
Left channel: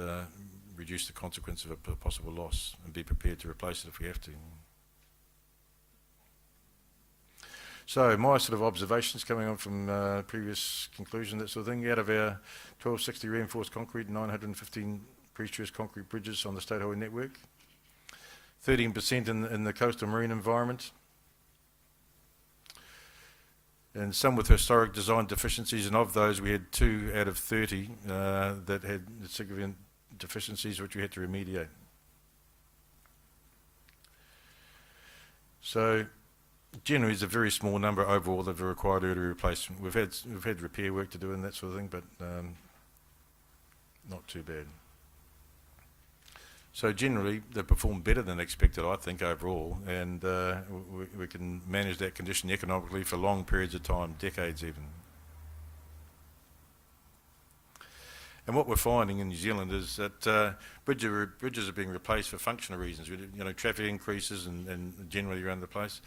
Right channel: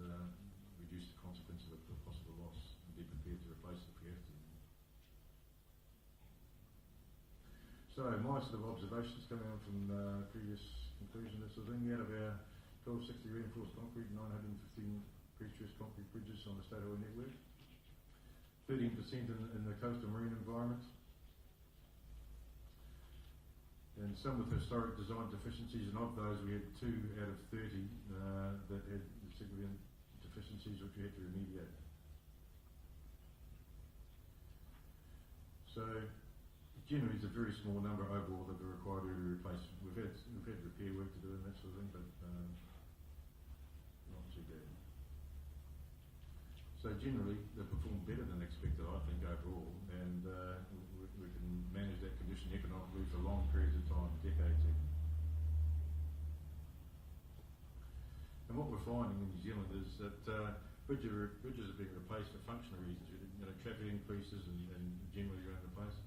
reduce the consequence of a possible loss and be prepared to replace it if we have to. So my sort of observations coming on from previous conclusion, that sort of thing, out of our 1260 reinforced concrete, 915 pre-stressed concrete bridges on the state highway network, 13% in the coastal marine environment, and some with historic design deficiencies, and of those we had 2 out of 30 that had significant deficiencies which we had to remediate. So generally it's a very small number overall that are required early replacement. We've had repair work to do and that sort of thing, but not too bad. So generally they perform better than expected, I think, overall, and we can manage that condition economically for long periods of time, decades even. And what we're finding in New Zealand is that bridges are being replaced for functional reasons. You know, traffic increases and generally around the place,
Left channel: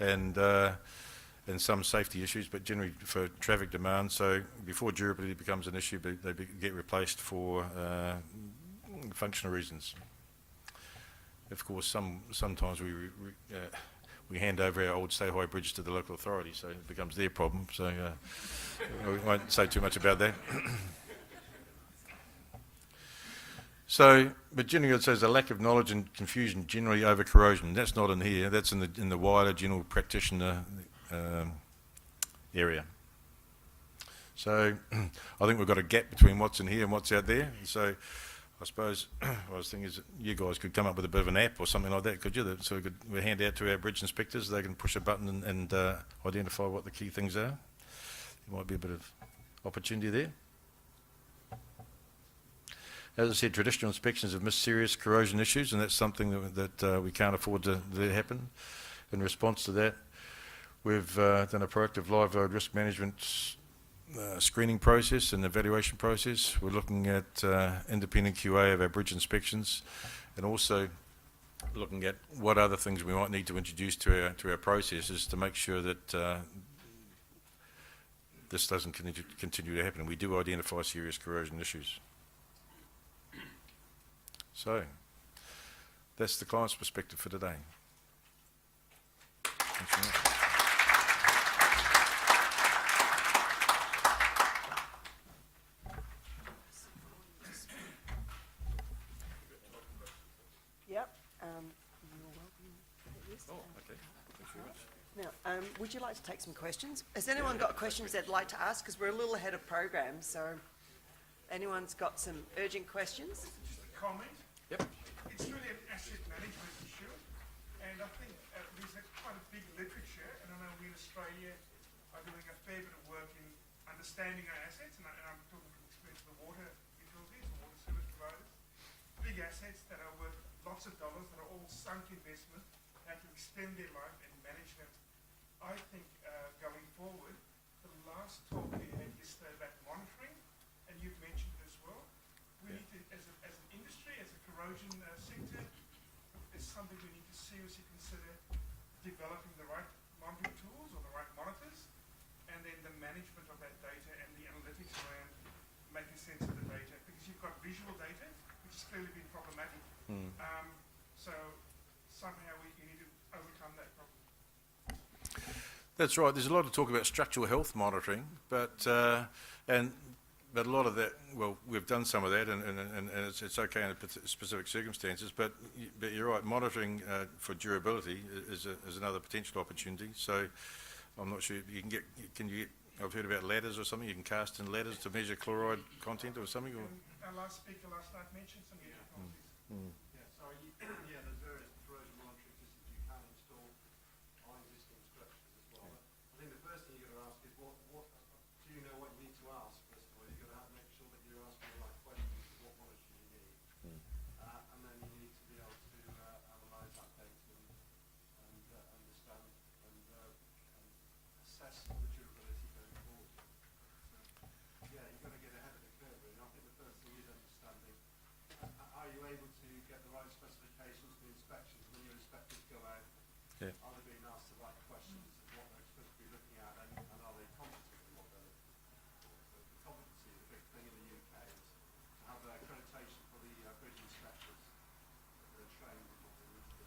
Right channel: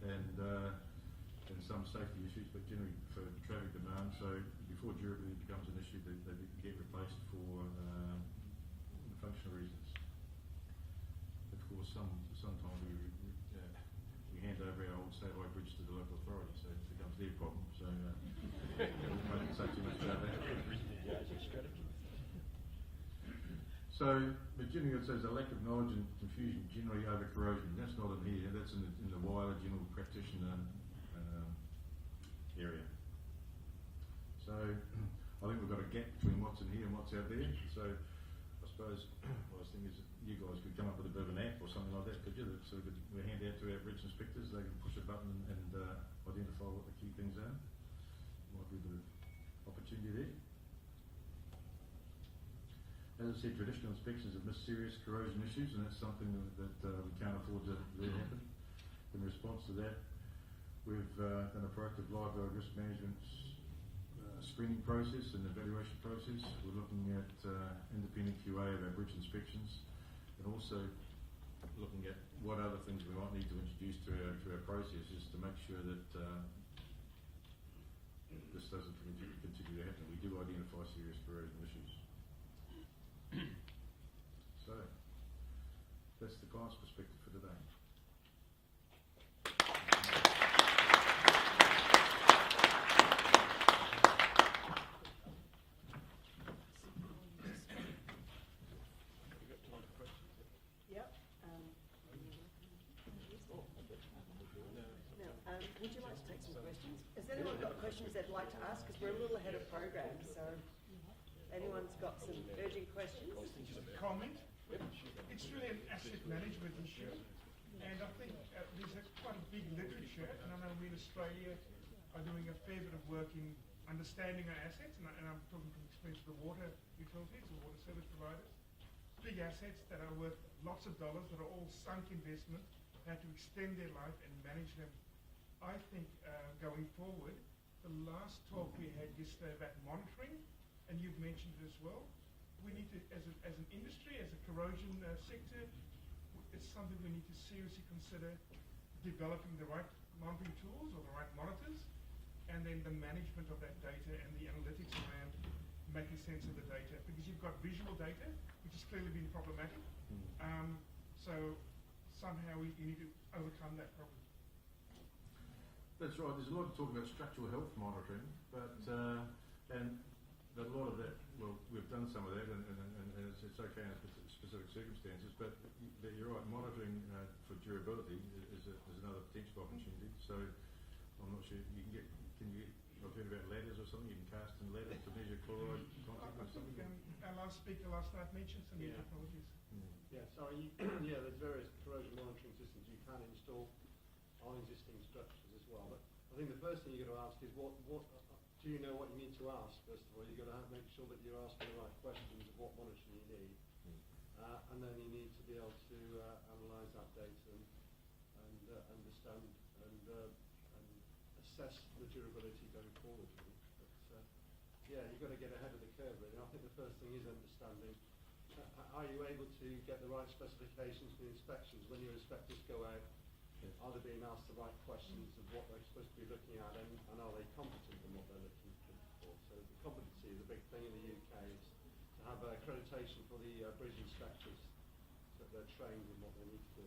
and some safety issues, but generally for traffic demand. So before durability becomes an issue, they get replaced for functional reasons. Of course, sometimes we hand over our old State High Bridge to the local authority, so it becomes their problem. So we won't say too much about that. So, but generally it says a lack of knowledge and confusion generally over corrosion. That's not in here. That's in the wider general practitioner area. So I think we've got a gap between what's in here and what's out there. So I suppose I was thinking is that you guys could come up with a bit of an app or something like that, could you? So we hand out to our bridge inspectors. They can push a button and identify what the key things are. There might be a bit of opportunity there. As I said, traditional inspections have missed serious corrosion issues, and that's something that we can't afford to happen. In response to that, we've done a proactive live load risk management screening process and evaluation process. We're looking at independent QA of our bridge inspections, and also looking at what other things we might need to introduce to our processes to make sure that this doesn't continue to happen. We do identify serious corrosion issues. So that's the client's perspective for today. Yep. Now, would you like to take some questions? Has anyone got questions they'd like to ask? Because we're a little ahead of program, so anyone's got some urgent questions? Comment. Yep. It's really an asset management issue, and I think there's quite a big literature, and I know we in Australia are doing a fair bit of work in understanding our assets, and I'm talking from experience of the water utilities, the water service providers. Big assets that are worth lots of dollars, that are all sunk investment, have to extend their life and manage them. I think going forward, the last talk we had yesterday about monitoring, and you've mentioned it as well, we need to, as an industry, as a corrosion sector, it's something we need to seriously consider developing the right monitoring tools or the right monitors, and then the management of that data and the analytics around making sense of the data, because you've got visual data, which has clearly been problematic. So somehow we need to overcome that problem. That's right. There's a lot of talk about structural health monitoring, but a lot of that, well, we've done some of that, and it's okay in specific circumstances. But you're right. Monitoring for durability is another potential opportunity. So I'm not sure you can get. I've heard about ladders or something. You can cast in ladders to measure chloride content or something. Or? Our last speaker last night mentioned some new technologies. Yeah, sorry. Yeah, there's various corrosion monitoring systems you can install on existing structures as well. But I think the first thing you're going to ask is what do you know what you need to ask? First of all, you're going to have to make sure that you're asking the right questions of what monitoring you need, and then you need to be able to analyse that data and understand and assess the durability going forward. But yeah, you've got to get ahead of the curve, really. And I think the first thing is understanding. Are you able to get the right specifications for the inspections when your inspectors go out? Yeah. Are they being asked the right questions of what they're supposed to be looking at, and are they competent in what they're looking for? So the competency is a big thing in the UK, is to have accreditation for the bridge inspectors, that they're trained in what they need to do.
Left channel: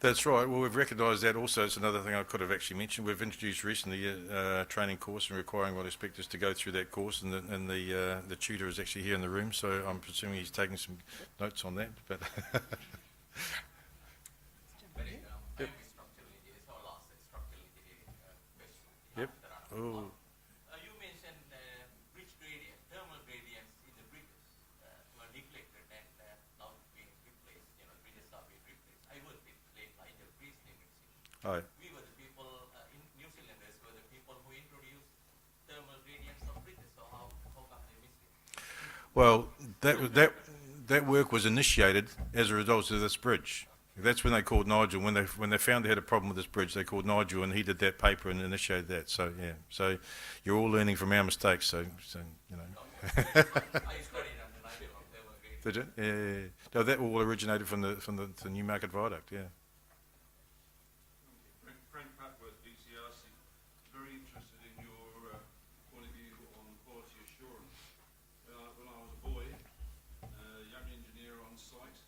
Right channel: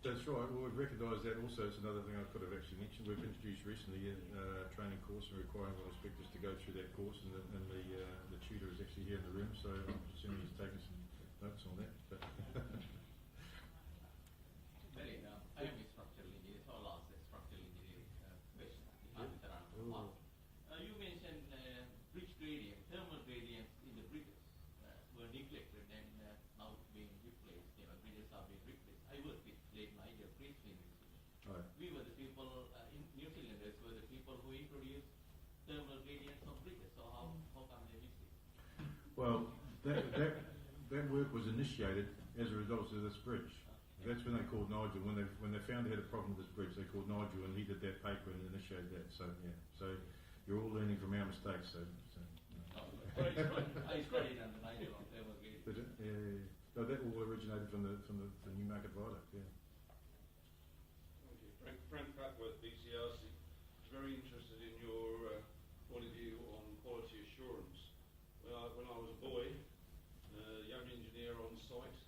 That's right. Well, we've recognised that also. It's another thing I could have actually mentioned. We've introduced recently a training course and requiring all inspectors to go through that course, and the tutor is actually here in the room, so I'm presuming he's taking some notes on that. But Yep. Oh. You mentioned bridge gradient, thermal gradients in the bridges were neglected and now being replaced. You know, bridges are being replaced. I worked with Lake Niger Bridge in New Zealand. Aye. We were the people, New Zealanders were the people who introduced thermal gradients on bridges. So how come they missed it? Well, that work was initiated as a result of this bridge. That's when they called Nigel. When they found they had a problem with this bridge, they called Nigel, and he did that paper and initiated that. So yeah, so you're all learning from our mistakes. So you know. I studied under Nigel on thermal gradients. Did you? Yeah. No, that all originated from the Newmarket Viaduct. Yeah. Frank Papworth, BCRC. Very interested in your point of view on quality assurance. When I was a boy, young engineer on site,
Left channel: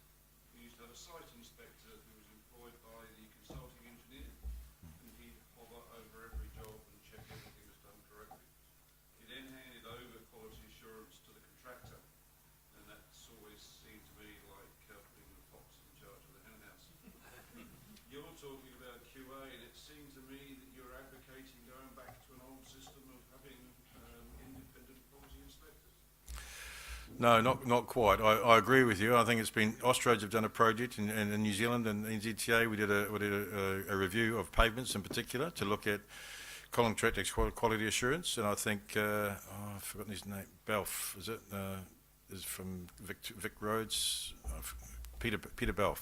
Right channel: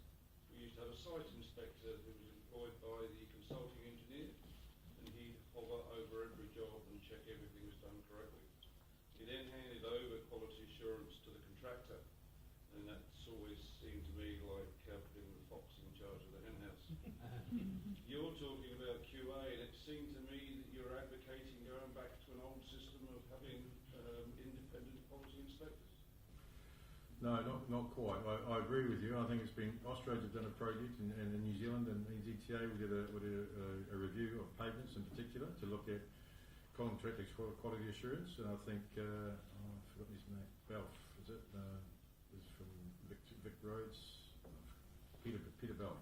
we used to have a site inspector who was employed by the consulting engineer, and he'd hover over every job and check everything was done correctly. He then handed over quality assurance to the contractor, and that's always seemed to me like being the fox in charge of the henhouse. You're talking about QA, and it seemed to me that you're advocating going back to an old system of having independent quality inspectors. No, not quite. I agree with you. I think it's been Austroads have done a project in New Zealand, and NZTA we did a review of pavements in particular to look at contractor quality assurance, and I think I've forgotten his name. Belf, is it? Is from Vic Roads. Peter Belf.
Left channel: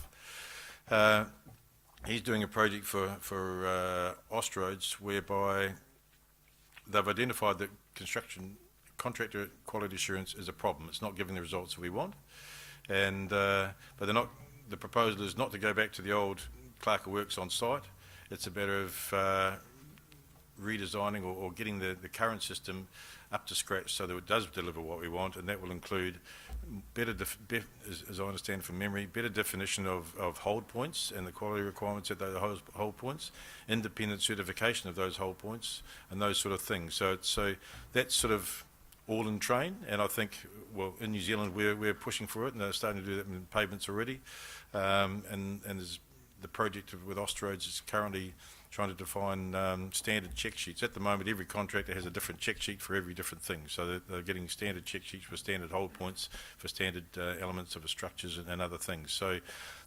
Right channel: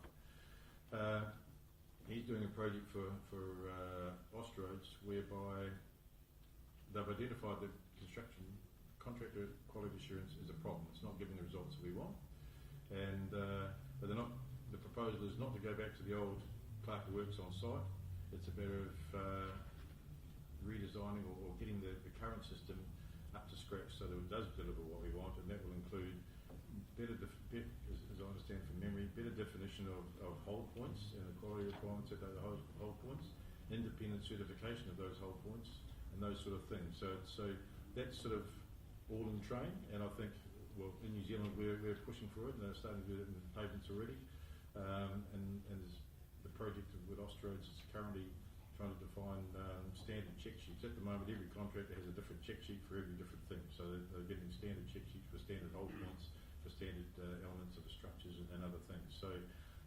He's doing a project for Austroads whereby they've identified that contractor quality assurance is a problem. It's not giving the results that we want, and but they're not. The proposal is not to go back to the old clerk of works on site. It's a matter of redesigning or getting the current system up to scratch so that it does deliver what we want, and that will include better, as I understand from memory, better definition of hold points and the quality requirements at those hold points, independent certification of those hold points, and those sort of things. So that's sort of all in train, and I think, well, in New Zealand we're pushing for it, and they're starting to do that in pavements already, and there's the project with Austroads is currently trying to define standard check sheets. At the moment, every contractor has a different check sheet for every different thing. So they're getting standard check sheets for standard hold points, for standard elements of the structures and other things. So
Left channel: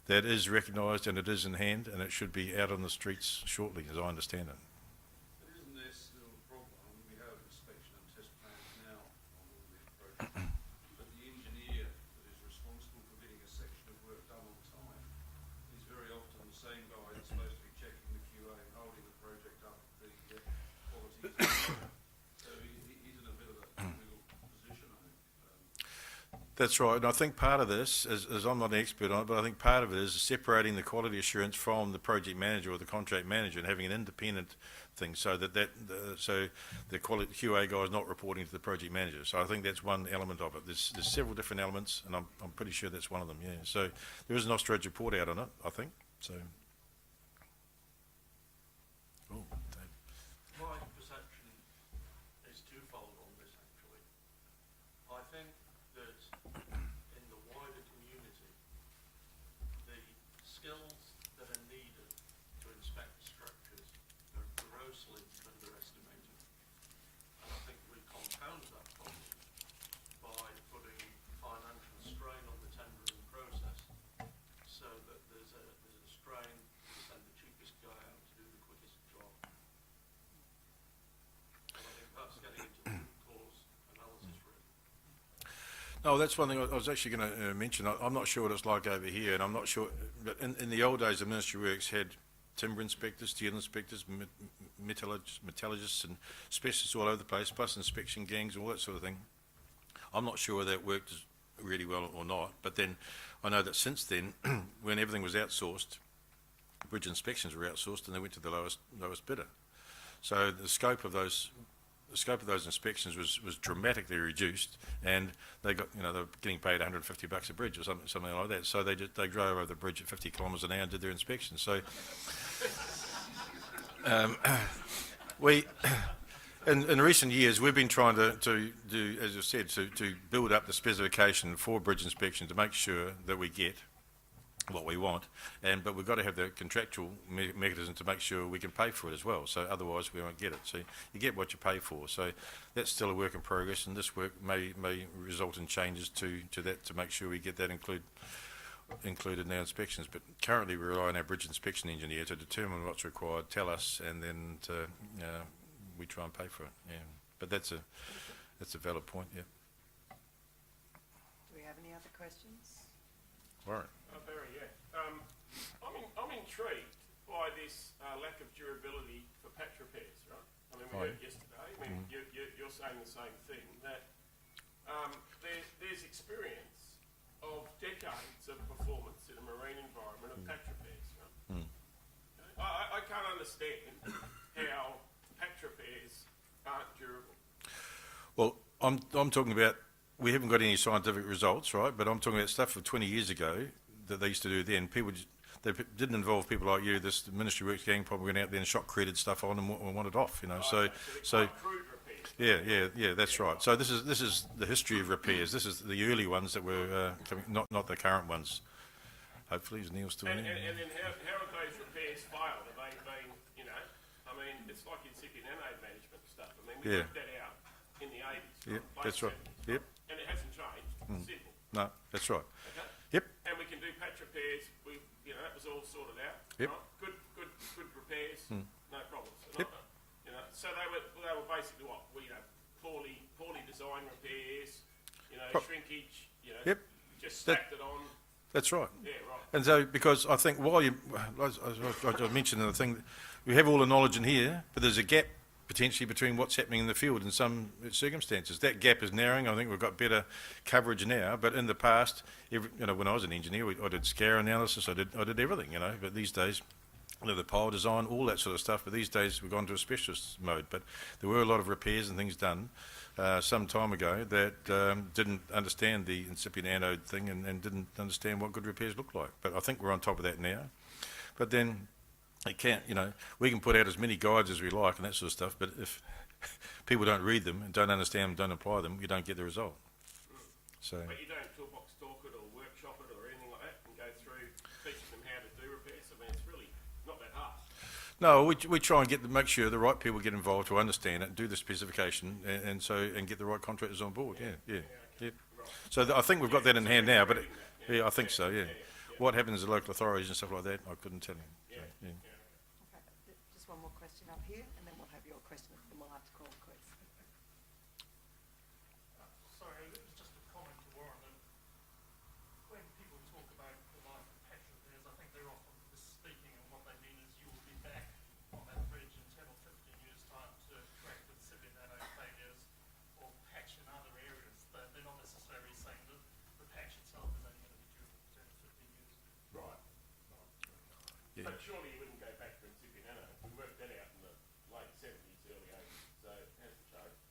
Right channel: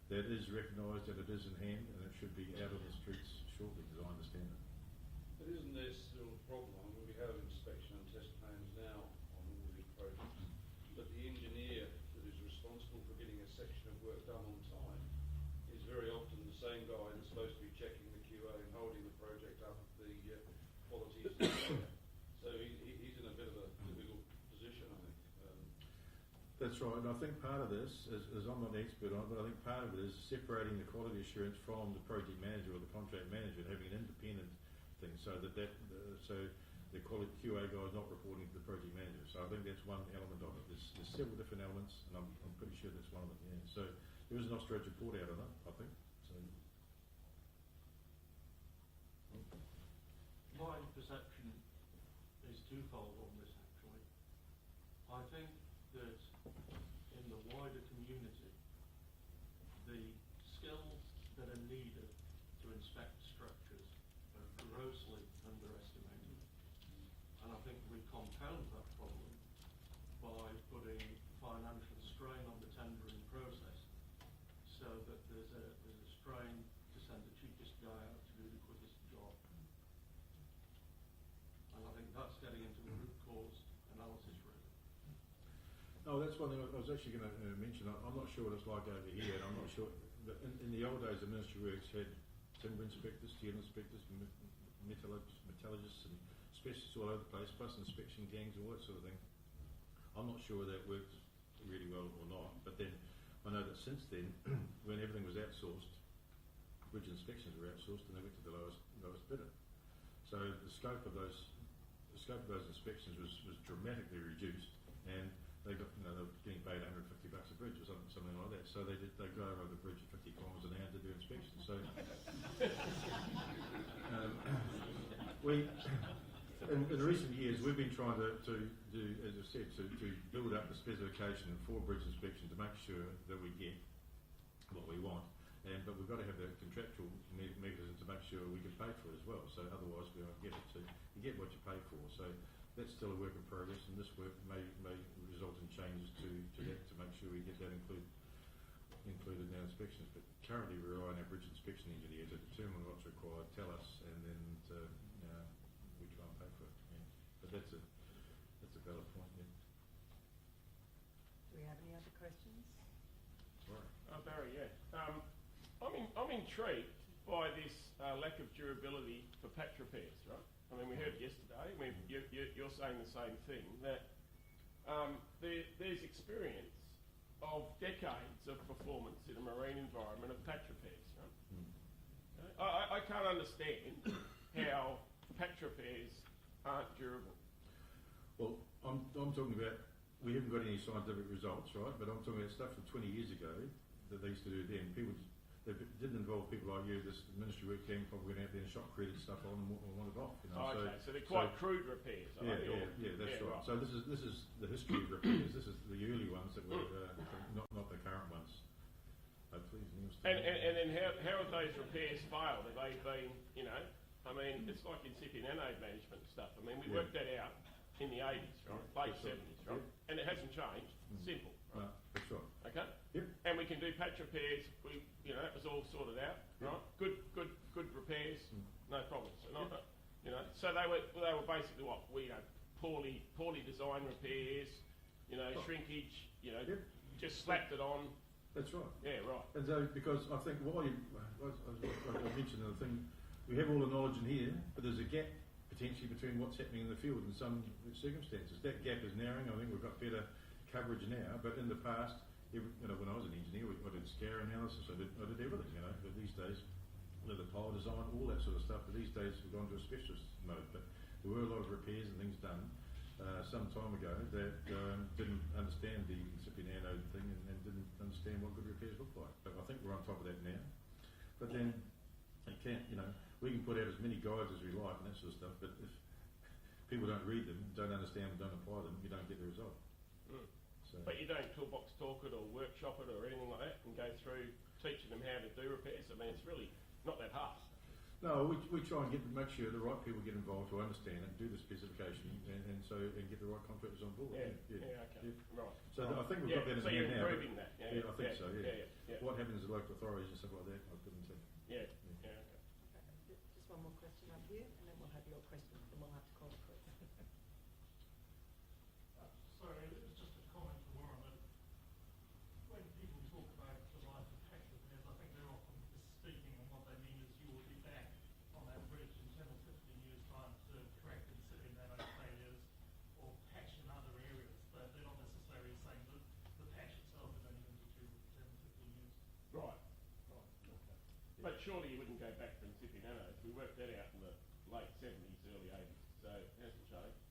that is recognised and it is in hand, and it should be out on the streets shortly, as I understand it. But isn't there still a problem? I mean, we have inspection and test plans now on all of these projects, but the engineer that is responsible for getting a section of work done on time is very often the same guy that's supposed to be checking the QA and holding the project up the quality. So he's in a bit of a wiggle position, I think. That's right, and I think part of this is I'm not an expert on it, but I think part of it is separating the quality assurance from the project manager or the contract manager and having an independent thing, so that the quality QA guy is not reporting to the project manager. So I think that's one element of it. There's several different elements, and I'm pretty sure that's one of them. Yeah. So there is an Australian report out on it, I think. So. Oh, My perception is twofold on this, actually. I think that in the wider community, the skills that are needed to inspect structures are grossly underestimated. And I think we compound that problem by putting financial strain on the tendering process, so that there's a strain to send the cheapest guy out to do the quickest job. And I think that's getting into the root cause analysis, really. No, that's one thing I was actually going to mention. I'm not sure what it's like over here, and I'm not sure. But in the old days, the Ministry of Works had timber inspectors, steel inspectors, metallurgists, and specialists all over the place, plus inspection gangs and all that sort of thing. I'm not sure that worked really well or not. But then I know that since then, when everything was outsourced, bridge inspections were outsourced, and they went to the lowest bidder. So the scope of those inspections was dramatically reduced, and they got, they were getting paid $150 a bridge or something like that. So they drove over the bridge at 50 kilometres an hour and did their inspections. So in recent years, we've been trying to do, as I said, to build up the specification for bridge inspection to make sure that we get what we want, but we've got to have the contractual mechanism to make sure we can pay for it as well. So otherwise, we won't get it. So you get what you pay for. So that's still a work in progress, and this work may result in changes to that to make sure we get that included in our inspections. But currently, we rely on our bridge inspection engineer to determine what's required, tell us, and then we try and pay for it. Yeah, but that's a valid point. Yeah. Do we have any other questions? All right. Barry, yeah. I'm intrigued by this lack of durability for patch repairs, right? I mean, we heard yesterday. I mean, you're saying the same thing, that there's experience of decades of performance in a marine environment of patch repairs, right? I can't understand how patch repairs aren't durable. Well, I'm talking about, we haven't got any scientific results, right? But I'm talking about stuff from 20 years ago that they used to do then. They didn't involve people like you. This Ministry of Works gang probably went out there and shot credit stuff on and want it off, Okay, so they're quite crude repairs. Yeah, that's right. So this is the history of repairs. This is the early ones that were coming, not the current ones. Hopefully, is Neil still And there? then how have those repairs failed? Have they been, I mean, it's like incipient anode management and stuff. I mean, we worked that out in the 80s, Yep, late that's right. 70s, Yep. And it hasn't changed. Simple. No, that's right. Okay. Yep. And we can do patch repairs. It was all sorted out. Yep. Right? Good repairs. No problems. Yep. So they were basically what poorly designed repairs. Shrinkage. Yep. Just stacked it on. That's right. Yeah, right. And so, because I think while I mentioned the thing, we have all the knowledge in here, but there's a gap potentially between what's happening in the field in some circumstances. That gap is narrowing. I think we've got better coverage now, but in the past, when I was an engineer, I did scar analysis, I did everything, but these days, the pile design, all that sort of stuff, but these days we've gone to a specialist mode. But there were a lot of repairs and things done some time ago that didn't understand the incipient anode thing and didn't understand what good repairs look like. But I think we're on top of that now. But then it can't, we can put out as many guides as we like and that sort of stuff, but if people don't read them and don't understand them, don't apply them, you don't get the result. So. But you don't toolbox talk it or workshop it or anything like that and go through teaching them how to do repairs. I mean, it's really not that hard. No, we try and make sure the right people get involved to understand it, do the specification, and get the right contractors on board. Yeah. Okay. Right. So I think we've got that in so hand you're now, but improving that, I think so. Yeah. What happens to local authorities and stuff like that, I couldn't tell you. Yeah. Okay, just one more question up here, and then we'll have your question at the mic, call it quits. Sorry, it was just a comment to Warren. When people talk about the life of patch repairs, I think they're often misspeaking, and what they mean is you will be back on that bridge in 10 or 15 years' time to correct incipient anode failures or patch in other areas. They're not necessarily saying that surely you wouldn't go back to Principia Nano. We worked that out in the late 70s, early 80s, so it hasn't changed.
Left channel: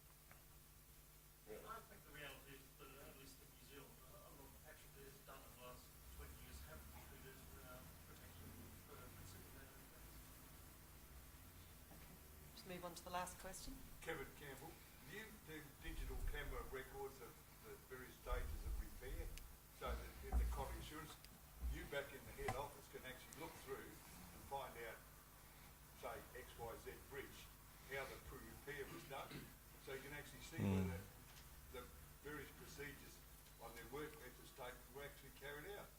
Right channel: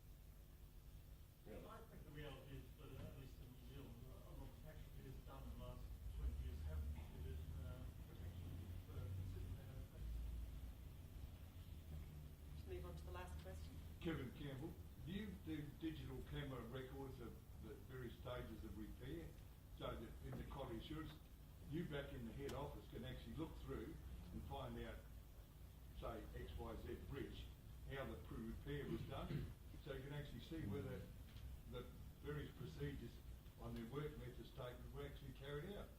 Yeah. I think the reality is that at least in New Zealand, a lot of the patch repairs done in the last 20 years haven't included protection for Principia Nano effects. Just move on to the last question. Kevin Campbell, do you do digital camera records of the various stages of repair so that in the quality assurance, you back in the head office can actually look through and find out, say, XYZ bridge, how the repair was done, so you can actually see whether the various procedures on their work method statement were actually carried out?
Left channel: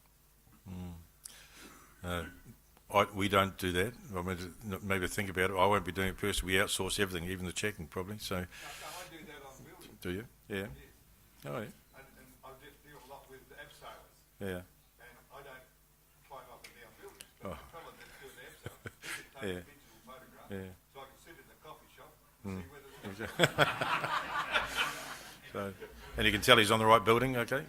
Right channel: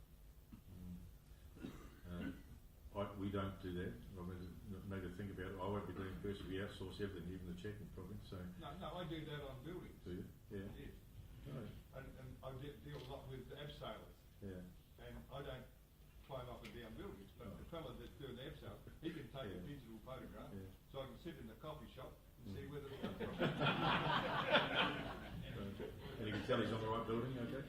We don't do that. I mean, maybe think about it. I won't be doing it personally. We outsource everything, even the checking probably. So, No, I do that on buildings. do you? Yeah. Yes. Oh, And I deal a lot with abseilers. yeah. And I don't climb up and down buildings, but Oh. the fellow that's doing the abseil, he can take Yeah. a digital photograph, Yeah. so I can sit in the coffee shop and see whether the So, and you can tell he's on the right building. Okay.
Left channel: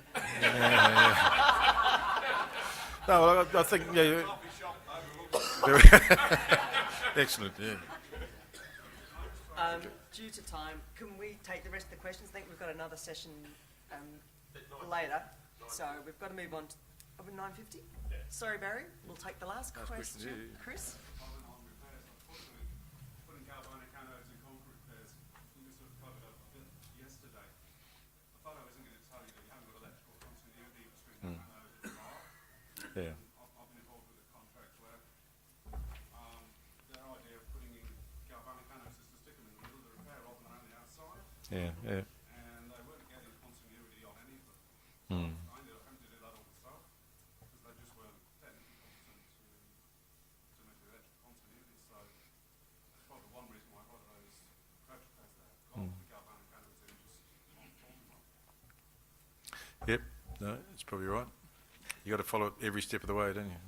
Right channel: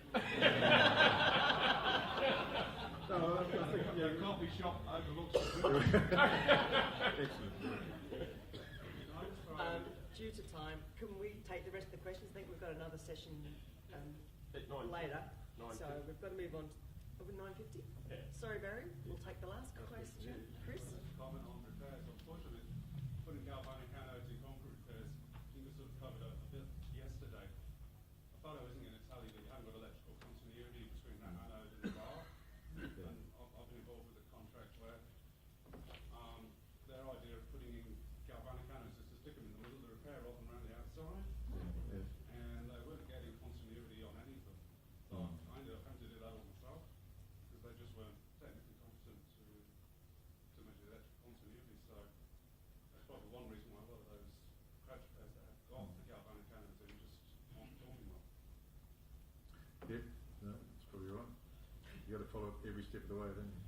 No, I think coffee shop overlooks the very excellent. Yeah. Due to time, can we take the rest of the questions? I think we've got another session At 9. later, so 9:50. we've got to move on to 9:50. Yeah. Sorry, Barry. We'll take the last Last question, question. yeah. Chris? Comment on repairs. Unfortunately, putting galvanic anodes in concrete repairs, we sort of covered up a bit yesterday. The fellow isn't going to tell you that you haven't got electrical continuity between that anode and the bar. Yeah. I've been involved with a contract where their idea of putting in galvanic anodes is to stick them in the middle of the repair rather than around the outside, Yeah. Yeah. and they weren't getting continuity on any of them. Mm. I ended up having to do that all myself because they just weren't technically competent to make the electric continuity. So that's probably one reason why a lot of those patch repairs that have got the galvanic anodes in just aren't talking about. Yep. No, it's probably right. You got to follow it every step of the way, don't you?